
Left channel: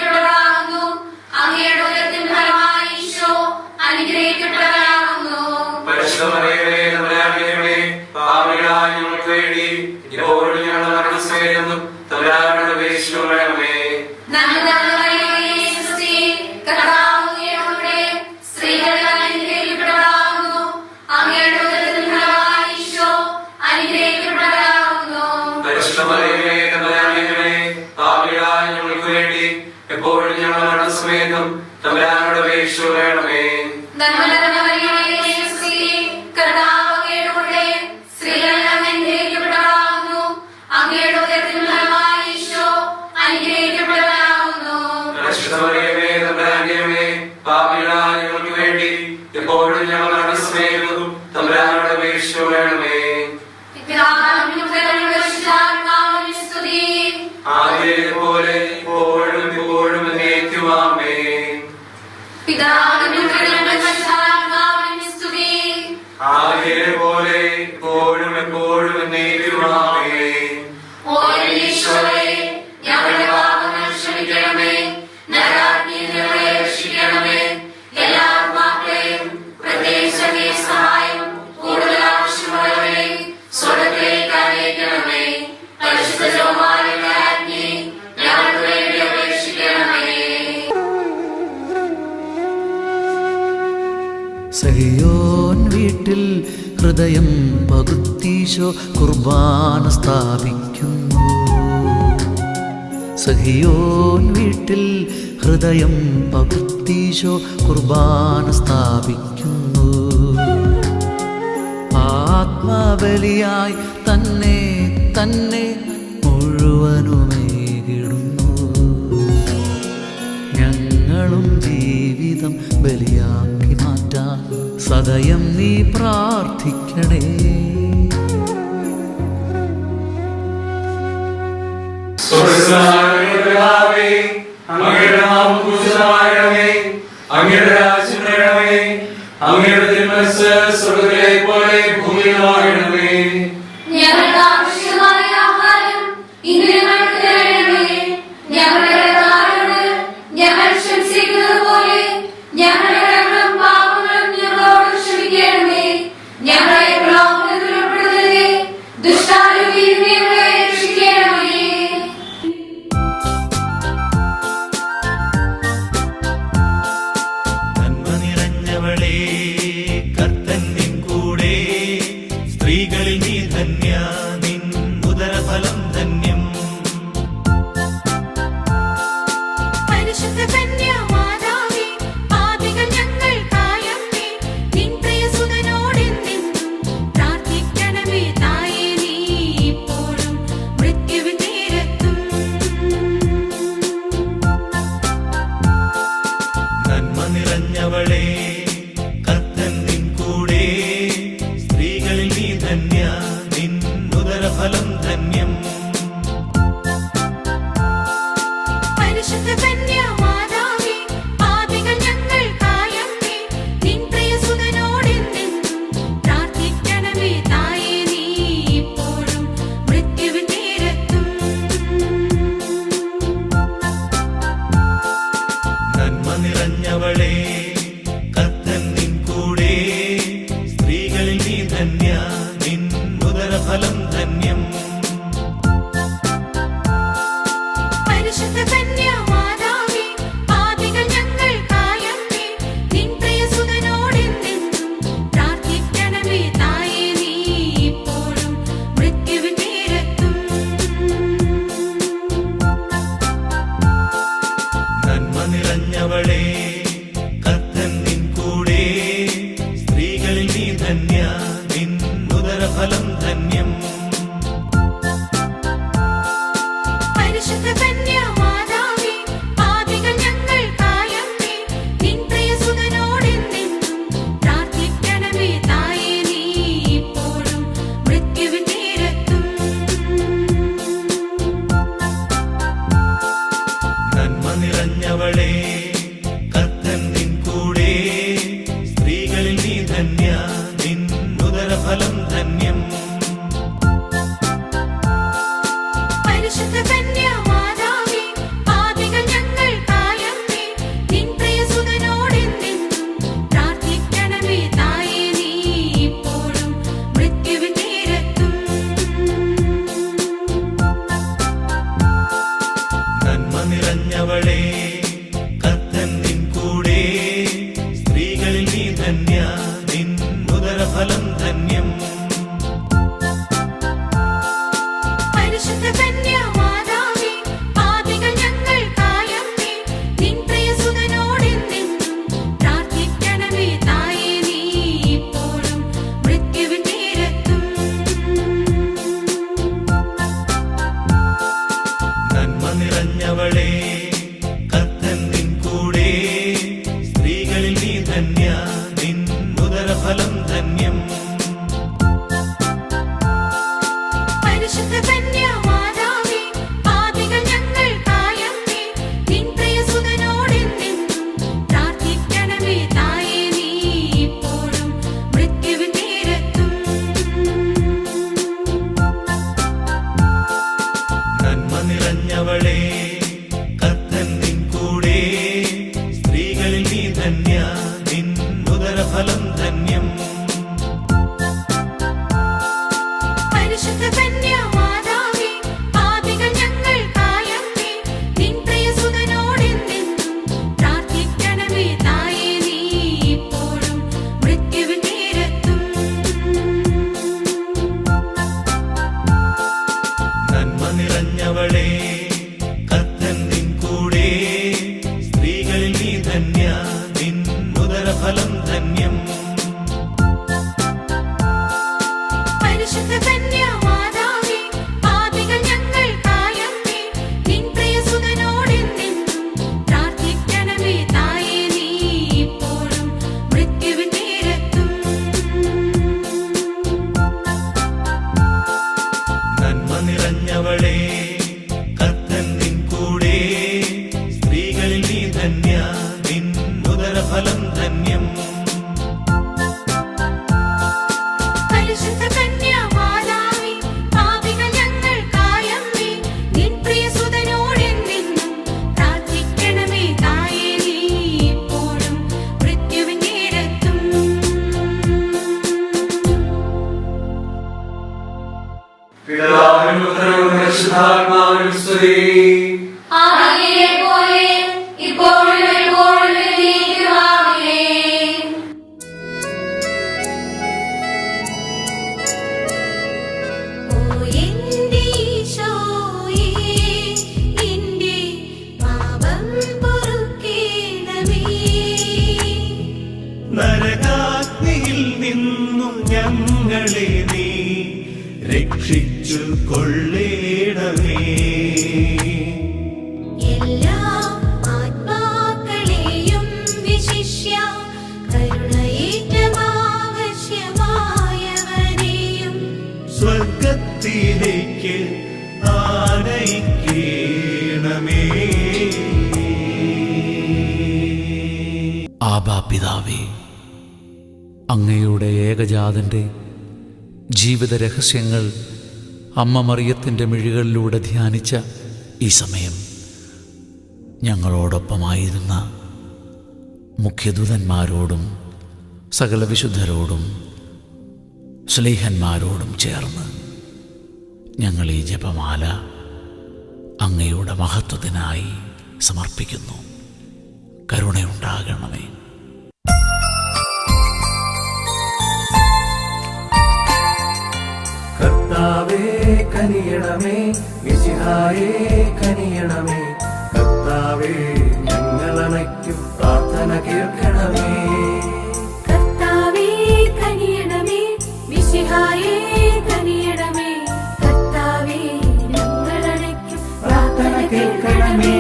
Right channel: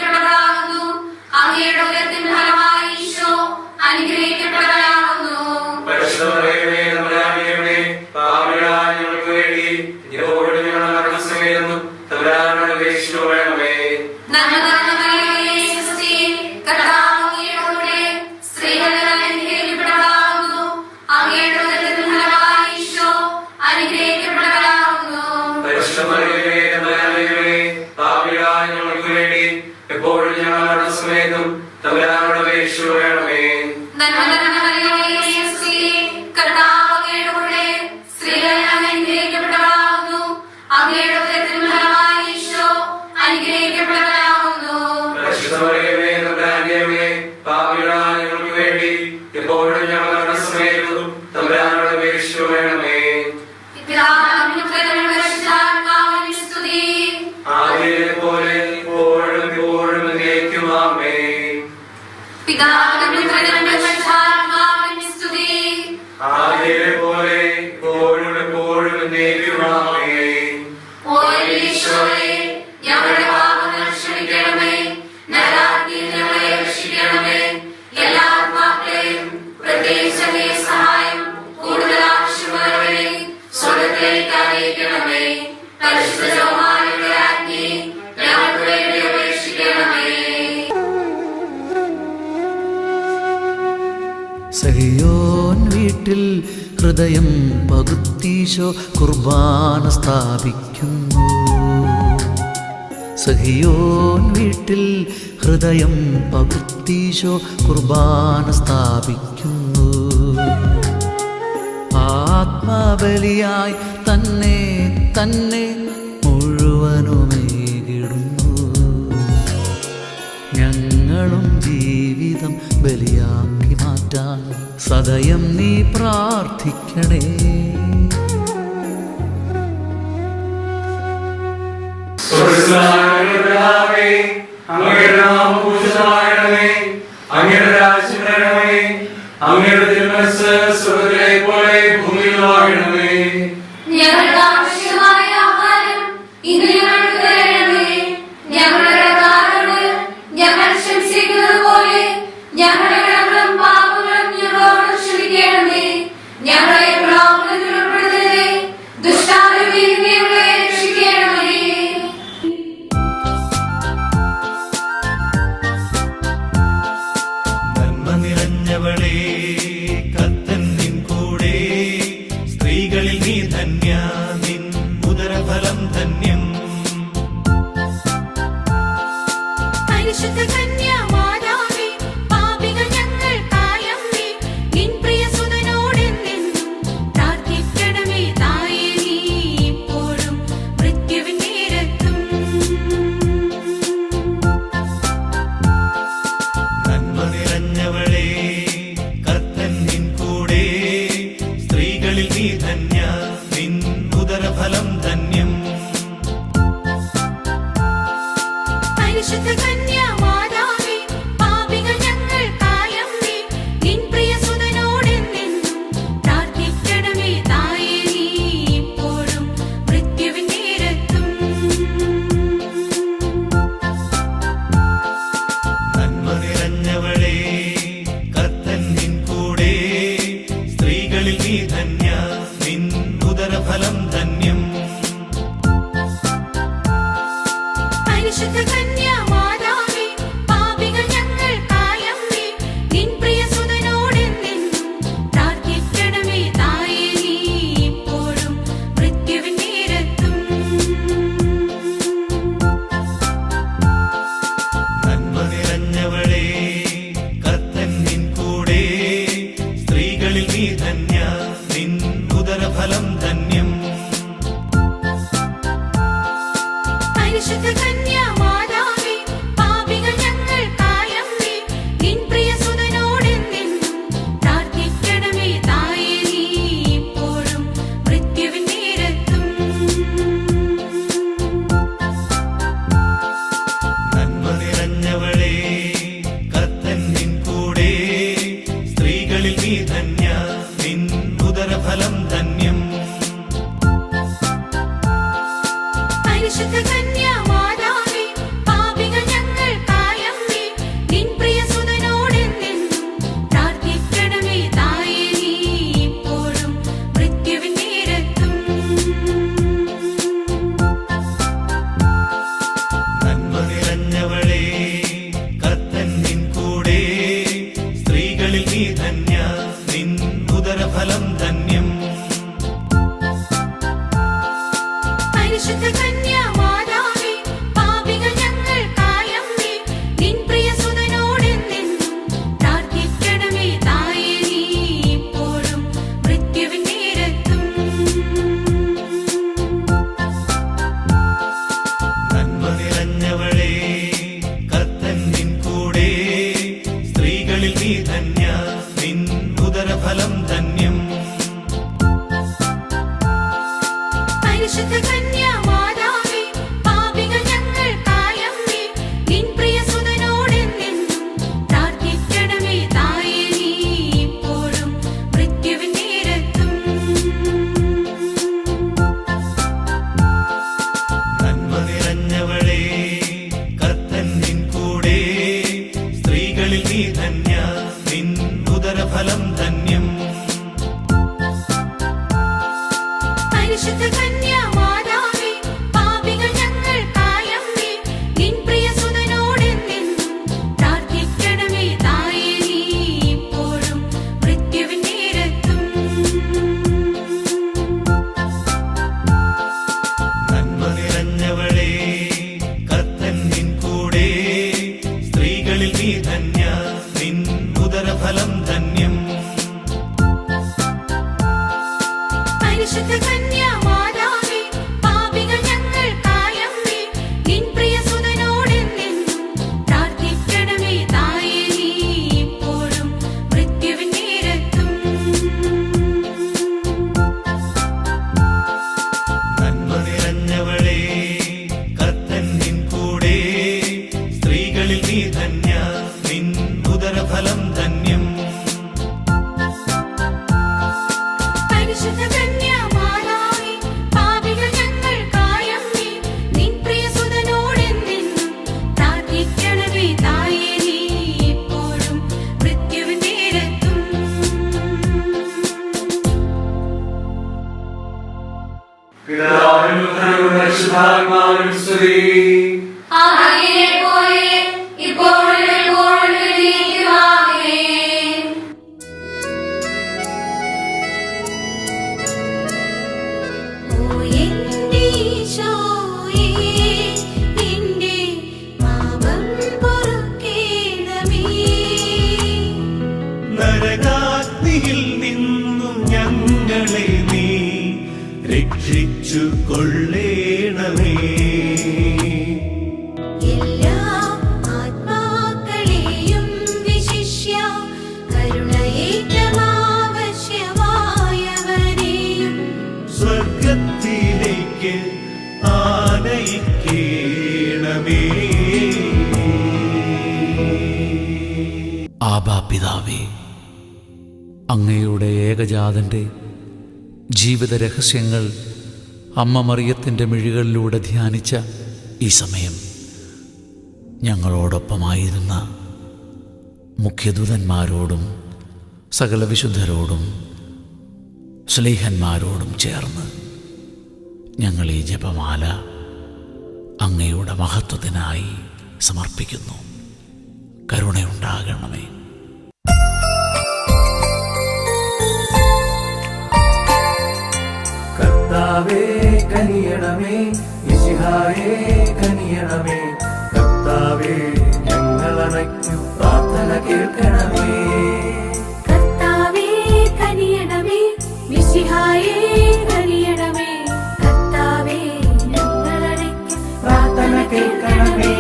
വേണ്ടി എപ്പോഴും ഞങ്ങളുടെ സമയത്തും തമ്പുരാനോട് അപേക്ഷ വേണമേ. പാപികളായ ഞങ്ങൾക്ക് വേണ്ടി എപ്പോഴും ഞങ്ങളുടെ സമയത്തും തമ്പുരാനോട് അപേക്ഷ വേണമേ. ആദ്യത്തെ പോലെ എപ്പോഴും എപ്പോഴും എന്നേക്കും ആമേൻ. ആദ്യത്തെ പോലെ എപ്പോഴും എപ്പോഴും എന്നേക്കും ആമേൻ. ഞങ്ങളുടെ പാപങ്ങൾ ക്ഷമിക്കണമേ, നരകാഗ്നിയിൽ ഞങ്ങളെ രക്ഷിക്കണമേ, എല്ലാ ആത്മാക്കളെയും പ്രത്യേകിച്ച് സഹായം കൂടുതൽ ആവശ്യമുള്ളവരെ സ്വർഗ്ഗത്തിലേക്ക് അയക്കണമേ. പരിശുദ്ധ ജപമാലയുടെ അഗ്നി ഞങ്ങൾക്ക് വേണ്ടി അപേക്ഷിക്കണമേ. സഹിയോൻ വീട്ടിൽ ഹൃദയം പകുത്തീശോ കുർബാന സ്ഥാപിക്കുന്നു. സഹിയോൻ വീട്ടിൽ ഹൃദയം പകുത്തീശോ കുർബാന സ്ഥാപിക്കുന്നു. ആത്മബലിയായി തന്നെ തന്നെ മുഴുവനുമേകിടുന്നു. ഞങ്ങളും ജീവിതം ബലിയാക്കി മാറ്റാൻ സദയം നീ പ്രാർത്ഥിക്കണേ. അങ്ങയുടെ നാമം പൂജിതമാകണമേ. അങ്ങയുടെ രാജ്യം വരണമേ. അങ്ങയുടെ തിരുമനസ്സ് സ്വർഗ്ഗത്തിലെ പോലെ ഭൂമിയിലുമാകണമേ. ഞങ്ങൾക്ക് ആവശ്യമായ ആഹാരം ഇന്ന് ഞങ്ങൾക്ക് തരണമേ. ഞങ്ങളുടെ കടക്കാരോട് ഞങ്ങൾ ക്ഷമിച്ചിരിക്കുന്നത് പോലെ ഞങ്ങളുടെ കടങ്ങളും പാപങ്ങളും ഞങ്ങളോട് ക്ഷമിക്കണമേ. ഞങ്ങളെ പ്രലോഭനത്തിൽ ഉൾപ്പെടുത്തരുതേ, ദുഷ്ടാരൂപിയിൽ നിന്ന് ഞങ്ങളെ രക്ഷിക്കണമേ. നിറഞ്ഞവളേ കർത്തൻ നിൻ കൂടെ സ്ത്രീകളിൽ നീ ധന്യ നിൻ ഉദരഫലം ധന്യം പരിശുദ്ധ കന്യാമാതാവേ പാപികൾ ഞങ്ങൾക്കായമ്മേ നിൻ പ്രിയസുതനോടെന്നും പ്രാർത്ഥിക്കണമേ തായേ നീ ഇപ്പോഴും മൃത്യുവിൻ നേരത്തും നന്മ നിറഞ്ഞവളേ കർത്തൻ നിൻ കൂടെ സ്ത്രീകളിൽ നീ ധന്യ നിൻ ഉദരഫലം ധന്യം പരിശുദ്ധ കന്യാമാതാവേ പാപികൾ ഞങ്ങൾക്കായമ്മേ നിൻ പ്രിയസുതനോടെന്നും പ്രാർത്ഥിക്കണമേ തായേ നീ ഇപ്പോഴും മൃത്യുവിൻ നേരത്തും നന്മ നിറഞ്ഞവളേ കർത്തൻ നിൻ കൂടെ സ്ത്രീകളിൽ നീ ധന്യ നിൻ ഉദരഫലം ധന്യം പരിശുദ്ധ കന്യാമാതാവേ പാപികൾ ഞങ്ങൾക്കായമ്മേ നിൻ പ്രിയസുതനോടെന്നും പ്രാർത്ഥിക്കണമേ തായേ നീ ഇപ്പോഴും മൃത്യുവിൻ നേരത്തും നന്മ നിറഞ്ഞവളേ കർത്തൻ നിൻ കൂടെ സ്ത്രീകളിൽ നീ ധന്യ നിൻ ഉദരഫലം ധന്യം പരിശുദ്ധ കന്യാമാതാവേ പാപികൾ ഞങ്ങൾക്കായമ്മേ നിൻ പ്രിയസുതനോടെന്നും പ്രാർത്ഥിക്കണമേ തായേ നീ ഇപ്പോഴും മൃത്യുവിൻ നേരത്തും പിതാവിനും പുത്രനും പരിശുദ്ധാത്മാവിനും സ്തുതി. ആദിയിലെ പോലെ ഇപ്പോഴും എപ്പോഴും എന്നേക്കും ആമേൻ. ഓ എന്റെ ഈശോയേ നിന്റെ പാപം പൊറുക്കേണമേ നരകാഗ്നിയിൽ നിന്നും ഞങ്ങളെ നീ രക്ഷിച്ചു കൊള്ളേണമേ എല്ലാ ആത്മാക്കളെയും വിശിഷ്യ കരുണയേറ്റം ആവശ്യമായവരെയും സ്വർഗത്തിലേക്ക് ആനയിക്കേണമേ ആബാ പിതാവേ, അങ്ങയുടെ ഏകജാതൻ്റെ ജീവിത രഹസ്യങ്ങൾ അമ്മ മറിയത്തിൻ്റെ മിഴികളിലൂടെ ധ്യാനിച്ച ഈ സമയം ഞങ്ങളോടൊപ്പമായിരുന്ന മുഖ്യദൂതന്മാരോടും സകല വിശുദ്ധരോടും സ്ലീഹന്മാരോടും ചേർന്ന് ഞങ്ങൾ ഈ ജപമാല അങ്ങയുടെ മഹത്വത്തിനായി സമർപ്പിക്കുന്നു. കരുണയുണ്ടാകണമേ. കർത്താവേ കനിയണമേ, മിശിഹായേ കനിയണമേ. കർത്താവേ ഞങ്ങളണയ്ക്കും പ്രാർത്ഥന കേൾക്കണമേ. കർത്താവേ കനിയണമേ മിശിഹായേ കനിയണമേ. കർത്താവേ ഞങ്ങളണയ്ക്കും പ്രാർത്ഥന കേൾക്കണമേ.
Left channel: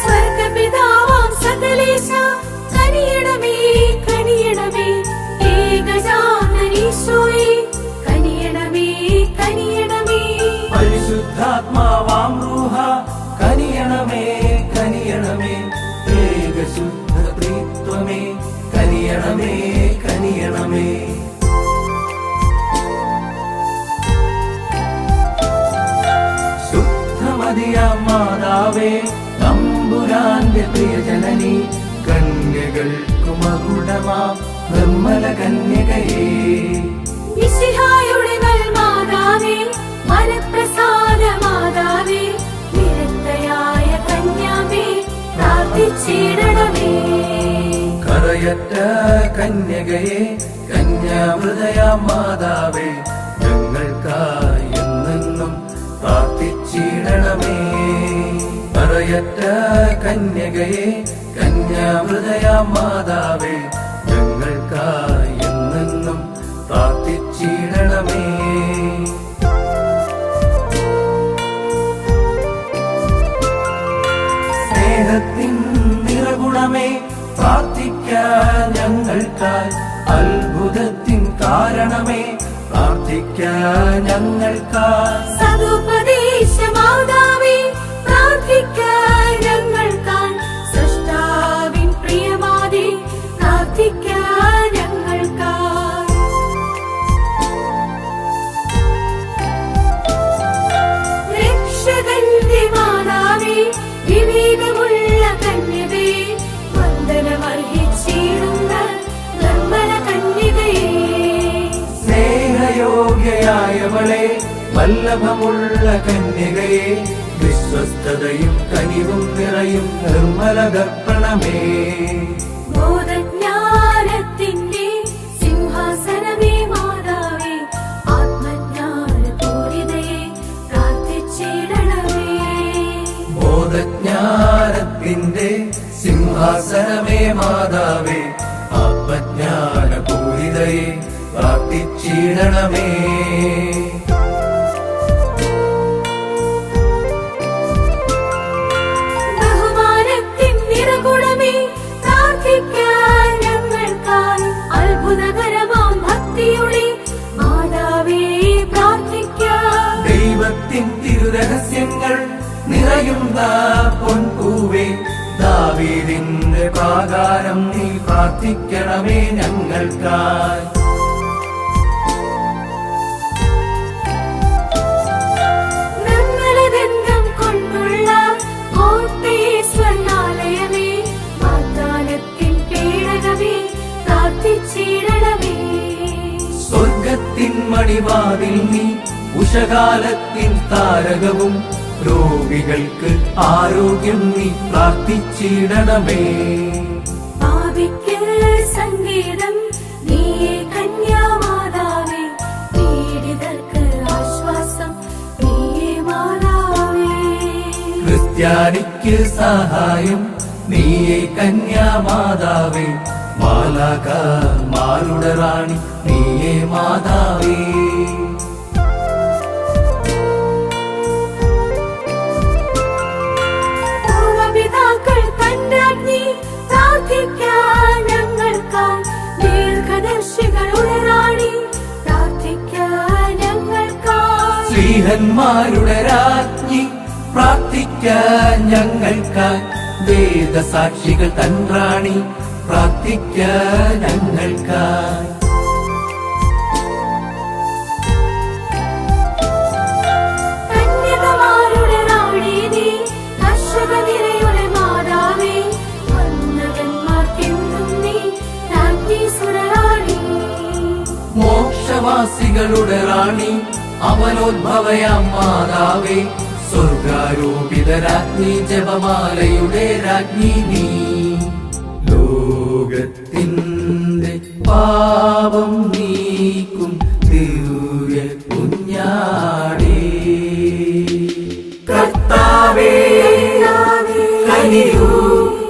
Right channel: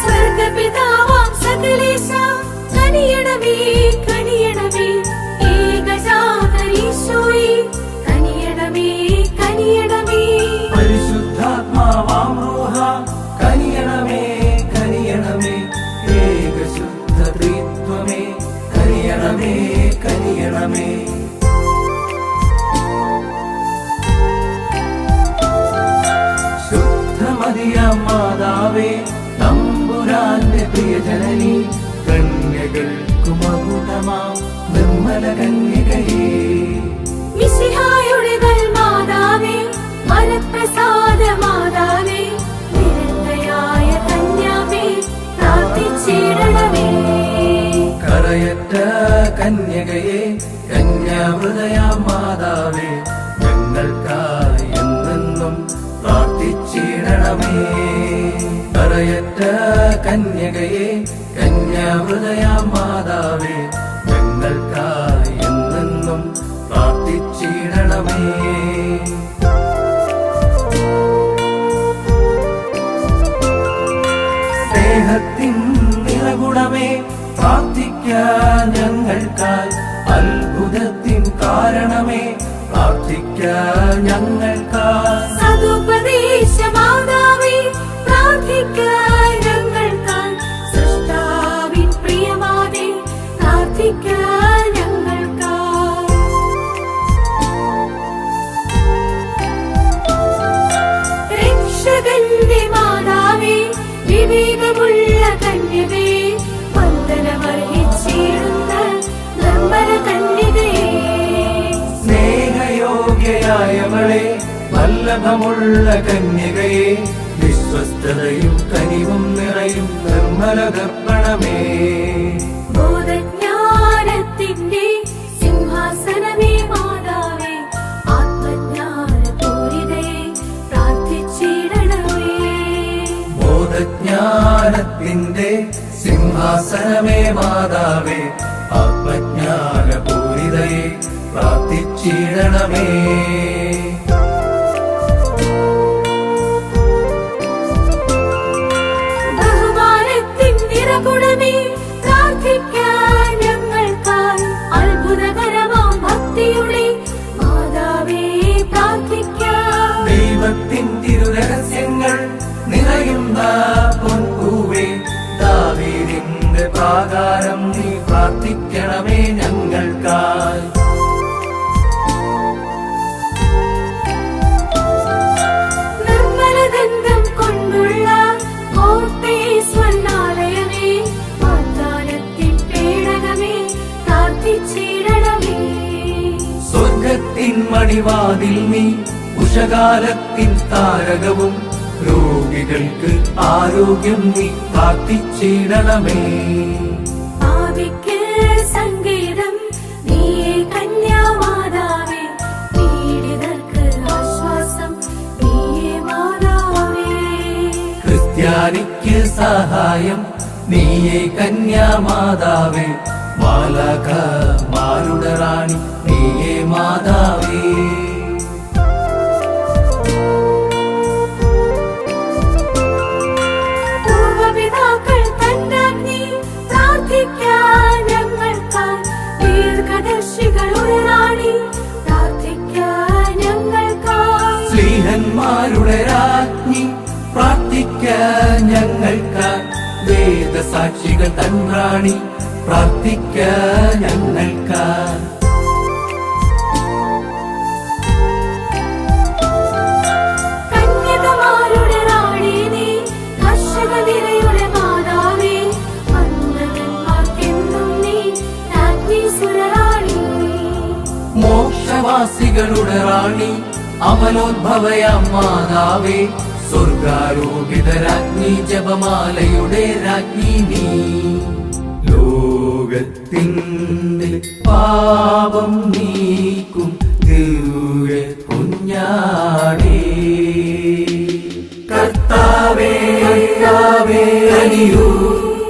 സ്വർഗ്ഗപിതാവാം സകലേശാ കനിയണമേ കനിയണമേ. ഏകജാതനീശോയേ കനിയണമേ കനിയണമേ. പരിശുദ്ധാത്മാവാം റൂഹ കനിയണമേ കനിയണമേ. ഏകശുദ്ധ ത്രിത്വമേ കനിയണമേ കനിയണമേ. ശുദ്ധമതിയാം മാതാവേ, തമ്പുരാന്റെ പ്രിയജനനി, കന്യകൾക്കു മകുടമാം നിർമ്മല കന്യകയേ. മിശിഹായുടെ നൽമാതാവേ, മനഃപ്രസാദ മാതാവേ, നിരന്തയായ കന്യാവേ, പ്രാർത്ഥിച്ചിടണമേ. കറയറ്റ കന്യകയെ, കന്യാവൃതയാം മാതാവേ, ഞങ്ങൾക്കായി എന്നെന്നും പ്രാർത്ഥിച്ചിടണമേ. കറയറ്റ കന്യകയെ, കന്യാവൃതയാം മാതാവേ, ഞങ്ങൾക്കായി എന്നെന്നും പ്രാർത്ഥിച്ചിടണമേ. ഞങ്ങൾക്കായി സതുപദേശ മാതാവേ പ്രാർത്ഥിക്കാൻ ഞങ്ങൾക്കായി സൃഷ്ടാവിൻ പ്രിയമാതേ പ്രാർത്ഥിക്കാൻ ഞങ്ങൾക്കായി രക്ഷകന്റെ മാതാവേ വിവേകമുള്ള കന്യകേ വന്ദനമർഹിച്ചിടുന്ന നിർമ്മല കന്യകയേ സ്നേഹയോഗ്യയായവളെ വല്ലഭമുള്ള കന്യകയെ വിശ്വസ്തതയും കനിവും നിറയും നിർമ്മല ദർപ്പണമേ ബോധജ്ഞാനത്തിന്റെ സിംഹാസനമേ മാതാവേ ആത്മജ്ഞാനപൂരിതയെ പ്രാർത്ഥിച്ചിടണമേ ബോധജ്ഞാനത്തിന്റെ സിംഹാസനമേ മാതാവേ ആത്മജ്ഞാനപൂരിതയെ പ്രാർത്ഥിച്ചിടണമേ ബഹുമാനത്തിൻ നിറകുടമേ പ്രാർത്ഥിക്കാൻ ഞങ്ങൾക്കായി അത്ഭുതകരമാം ഭക്തിയുടെ മാതാവേ പ്രാർത്ഥിക്കാൻ ദൈവത്തിൻ തിരുരഹസ്യങ്ങൾ നിറയുന്ന പൊൻപൂവേ ദാവീദിന്റെ പ്രാകാരം നീ പ്രാർത്ഥിക്കണമേ ഞങ്ങൾക്കായി നിർമ്മലദന്തം കൊണ്ടുള്ള സ്വർണ്ണാലയമേ വാഗ്ദാനത്തിൻ പേടകമേ പ്രാർത്ഥിച്ചിടണമേ സ്വർഗത്തിൻ മണിവാതിൽ നീ ഉഷകാലത്തിൻ താരകവും രോഗികൾക്ക് ആരോഗ്യം നീ പ്രാർത്ഥിച്ചിടണമേ പാപിക്ക് സങ്കേതം നീയേ കന്യാമാതാവേ പീഡിതർക്ക് ആശ്വാസം നീയേ മാതാവേ ക്രിസ്ത്യാനിക്ക് സഹായം നീയേ കന്യാമാതാവേ മാലാഖമാരുടെ റാണി നീയേ മാതാവേ പൂർവപിതാക്കൾ തന്നാജ്ഞി പ്രാർത്ഥിക്കാൻ ഞങ്ങൾക്കായി ദീർഘദർശികളുടെ റാണി പ്രാർത്ഥിക്കാൻ ഞങ്ങൾക്കായി ശ്രീഹന്മാരുടെ രാജ്ഞി പ്രാർത്ഥിക്കാൻ ഞങ്ങൾക്കായി വേദസാക്ഷികൾ തൻ റാണി പ്രാർത്ഥിക്കാൻ ഞങ്ങൾക്കായി കന്യകമാരുടെ റാണി നീ കർഷക നിരയുടെ മാതാവേ വന്ദനന്മാർക്കെന്നും നീ രാജ്ഞീസുരറാണി മോക്ഷവാസികളുടെ റാണി അവനോദ്ഭവയാം മാതാവേ സ്വർഗാരോപിത രാജ്ഞി ജപമാലയുടെ രാജ്ഞി നീ ലോകത്തിന്റെ പാപം നീക്കും ദിവ്യ കുഞ്ഞാടേ കർത്താവേ കനിയൂ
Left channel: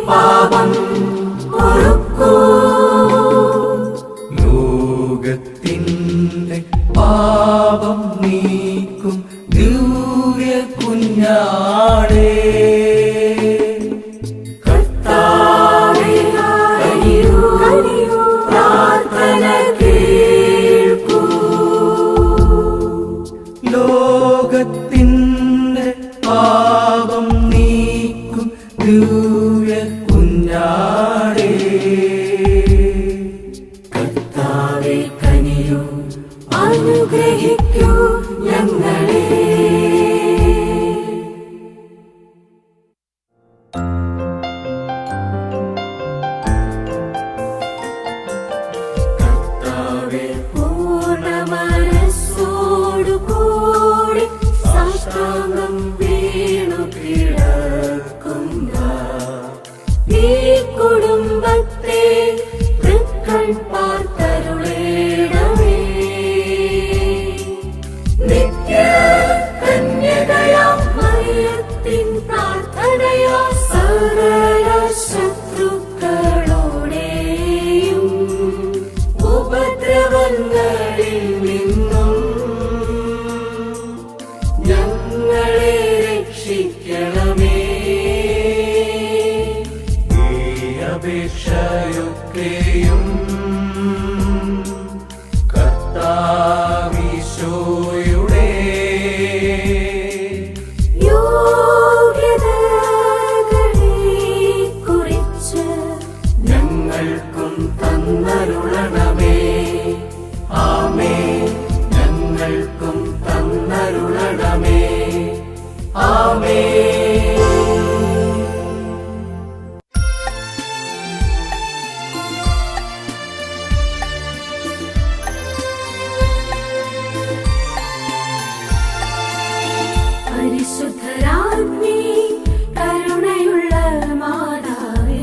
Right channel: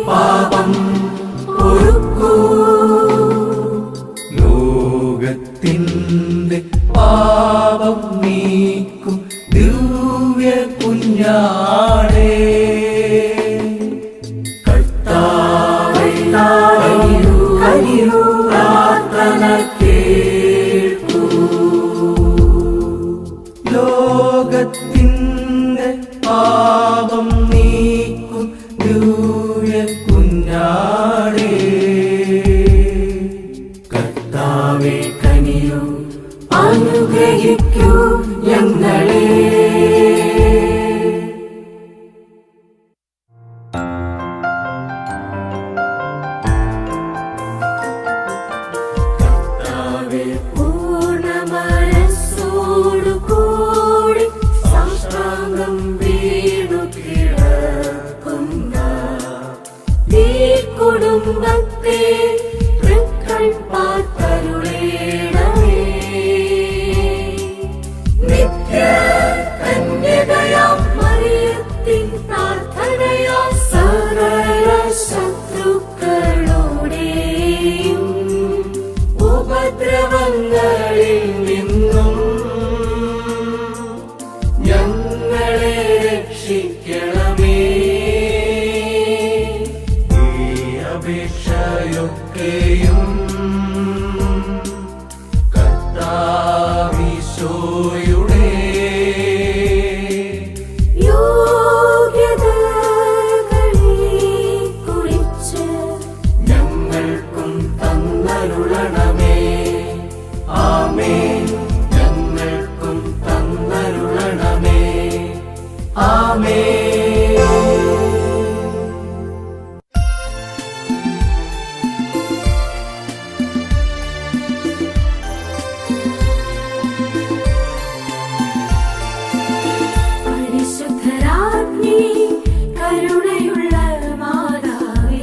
പാപം പൊറുക്കൂ ലോകത്തിന്റെ പാപം നീക്കും ദിവ്യ കുഞ്ഞാടേ കർത്താവേ കനിയൂ പ്രാർത്ഥന കേൾക്കൂ ലോകത്തിന്റെ പാപം നീക്കും ദിവ്യ കുഞ്ഞാടേ കർത്താവേ കനിയൂ അനുഗ്രഹിക്കൂ ഞങ്ങളെ പൂർണ്ണ മനസ്സോടുകൂടി സാഷ്ടാംഗ കരുണണമേ. ആമേൻ. പരിശുദ്ധരാജ്ഞി കരുണയുള്ള മാതാവേ,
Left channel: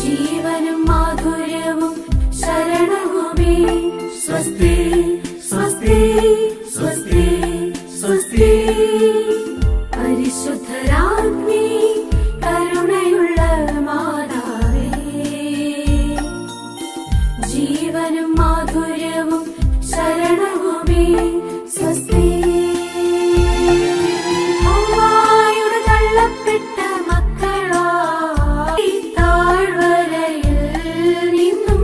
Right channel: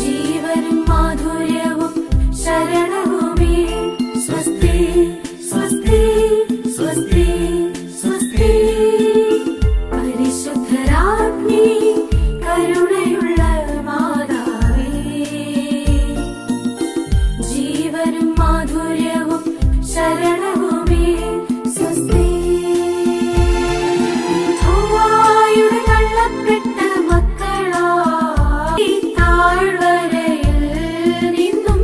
ജീവനും മാധുര്യവും ശരണവുമേ, സ്വസ്തി സ്വസ്തി സ്വസ്തി സ്വസ്തി. പരിശുദ്ധരാജ്ഞി കരുണയുള്ള മാതാവേ, ജീവനും മാധുര്യവും ശരണവുമേ, സ്വസ്തി. ഹൗവായുടെ തള്ളപ്പെട്ട മക്കളായി താഴ്വരയിൽ നിന്നും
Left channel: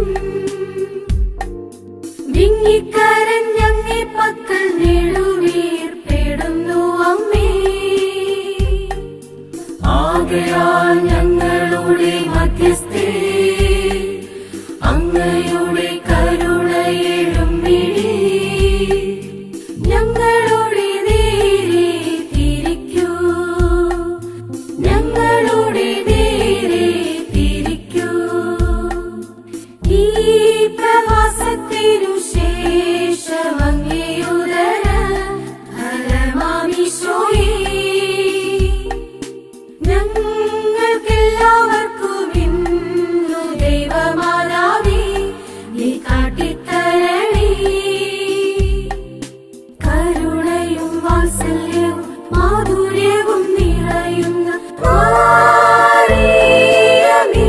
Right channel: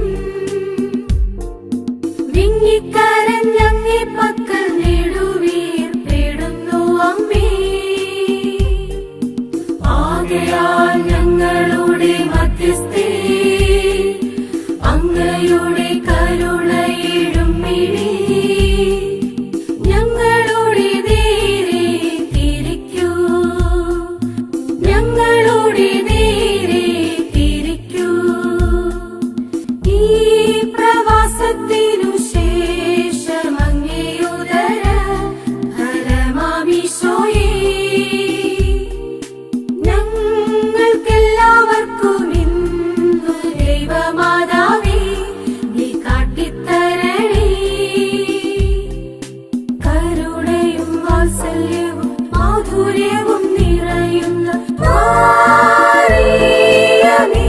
വിങ്ങിക്കരഞ്ഞങ്ങേ പക്കൽ നെടുവീർപ്പിടുന്നു അമ്മേ. ആകയാൽ ഞങ്ങളുടെ മധ്യസ്ഥേ, അങ്ങയുടെ കരുണയിടും മിഴി ഞങ്ങളുടെ നേരെ തിരിക്കൂ, ഞങ്ങളുടെ നേരെ തിരിക്കൂ. ഈ പ്രവാസത്തിനു ശേഷം അങ്ങേയുദര ഫലമാമീശോയേ, ഞങ്ങൾക്കെല്ലാവർക്കും ഇന്നു ദൈവമാതാവേ നീ കാട്ടിത്തരണേ. കരുണയും വാത്സല്യവും മാധുര്യവും നിറയുന്ന മറിയമേ,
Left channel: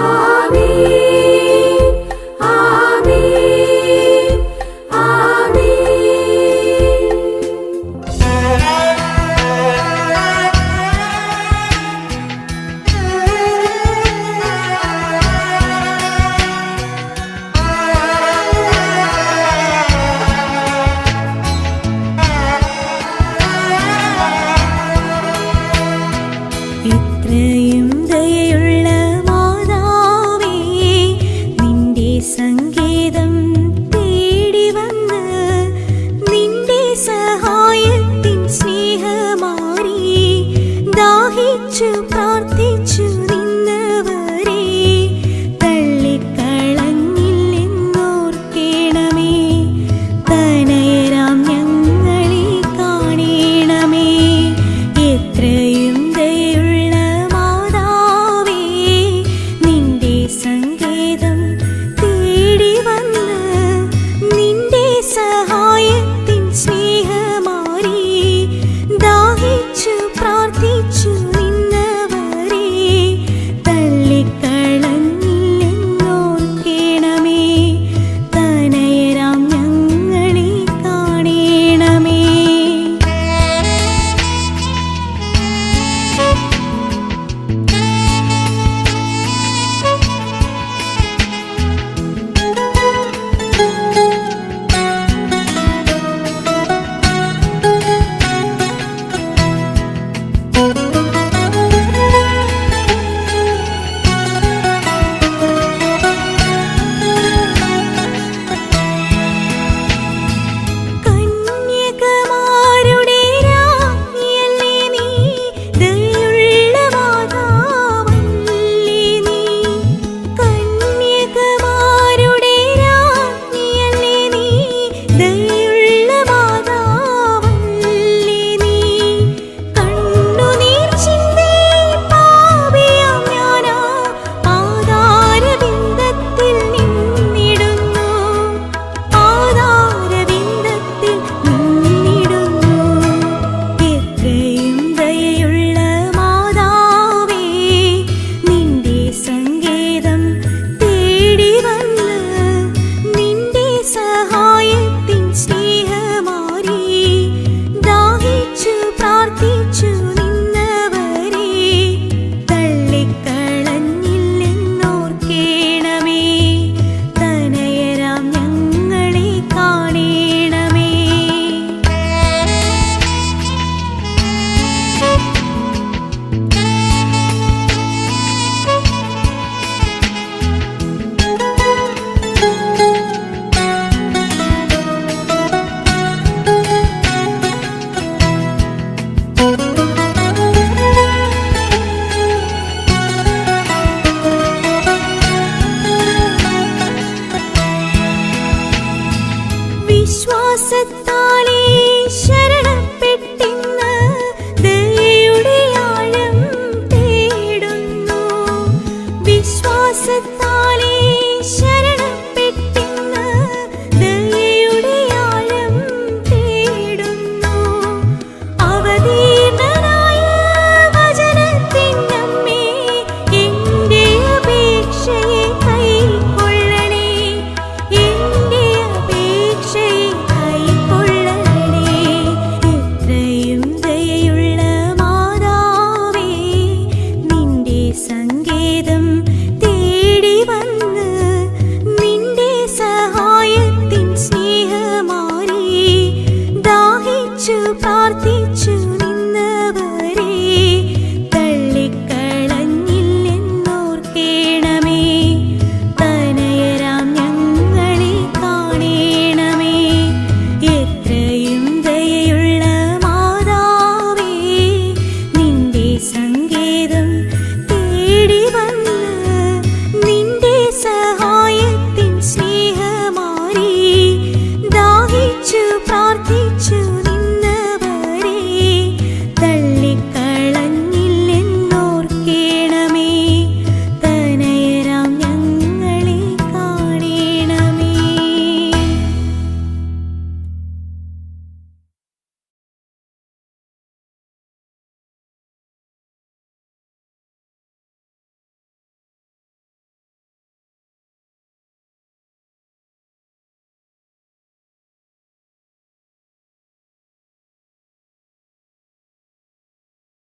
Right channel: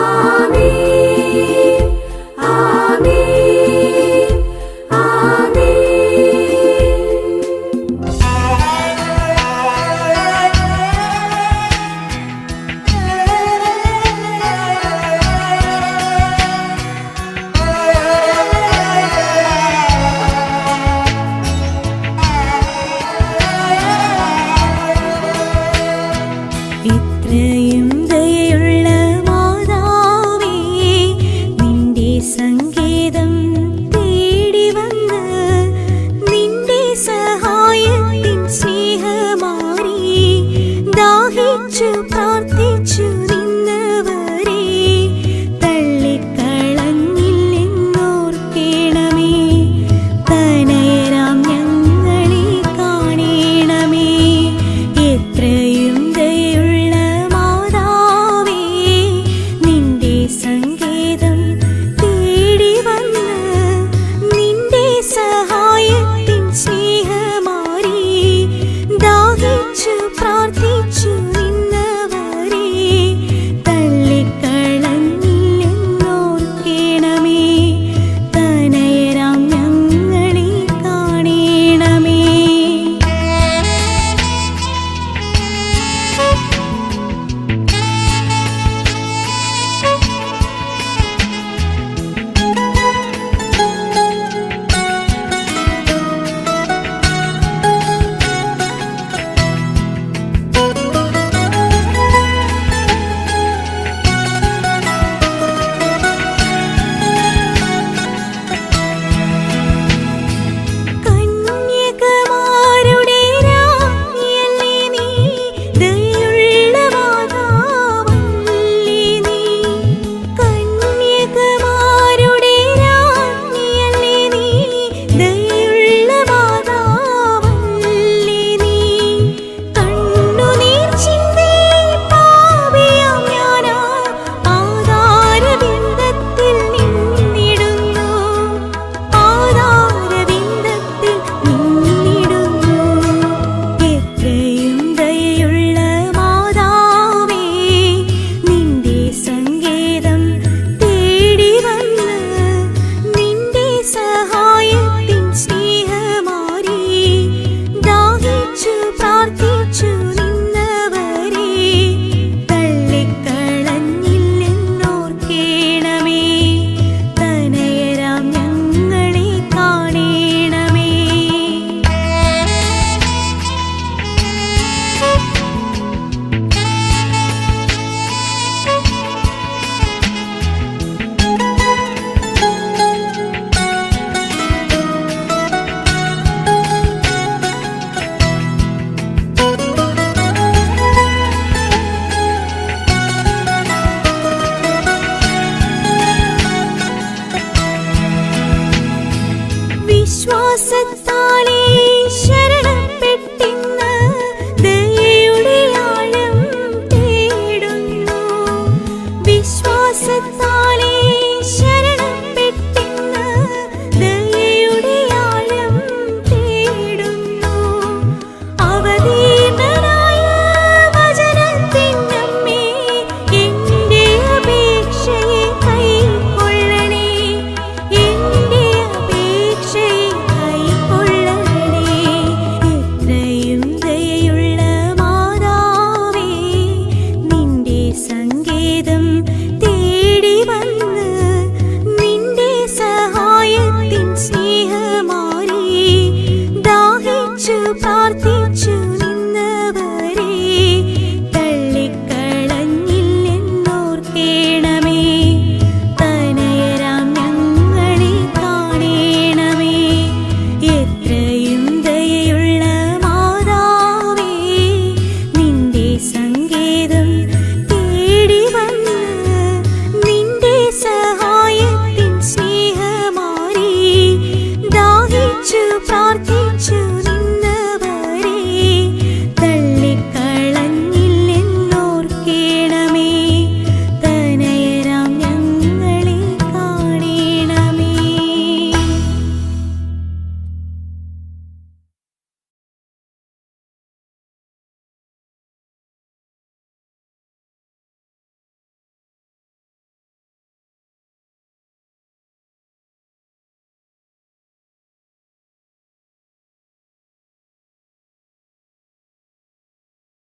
ആമേൻ ആമേൻ ഇത്രയും ദയുള്ള മാതാവേ, നിന്റെ സങ്കേതം തേടി വന്ന് നിന്റെ സഹായത്തിൻ സ്നേഹമാരി ദാഹിച്ചു പ്രാർത്ഥിച്ചു നിന്നവരെ തള്ളിക്കളഞ്ഞില്ലെന്നോർക്കേണമേ. തനയരാം ഞങ്ങളെ കാണേണമേ. എത്രയും ദയുള്ള മാതാവേ, നിന്റെ സങ്കേതം തേടി വന്ന് നിന്റെ സഹായത്തിൻ സ്നേഹമാരി ദാഹിച്ചു പ്രാർത്ഥിച്ചു നിന്നവരെ തള്ളിക്കളഞ്ഞില്ലെന്നോർക്കേണമേ. തനയരാം ഞങ്ങളെ വിശ്വാസത്താലേ ശരണപ്പെട്ടിൻ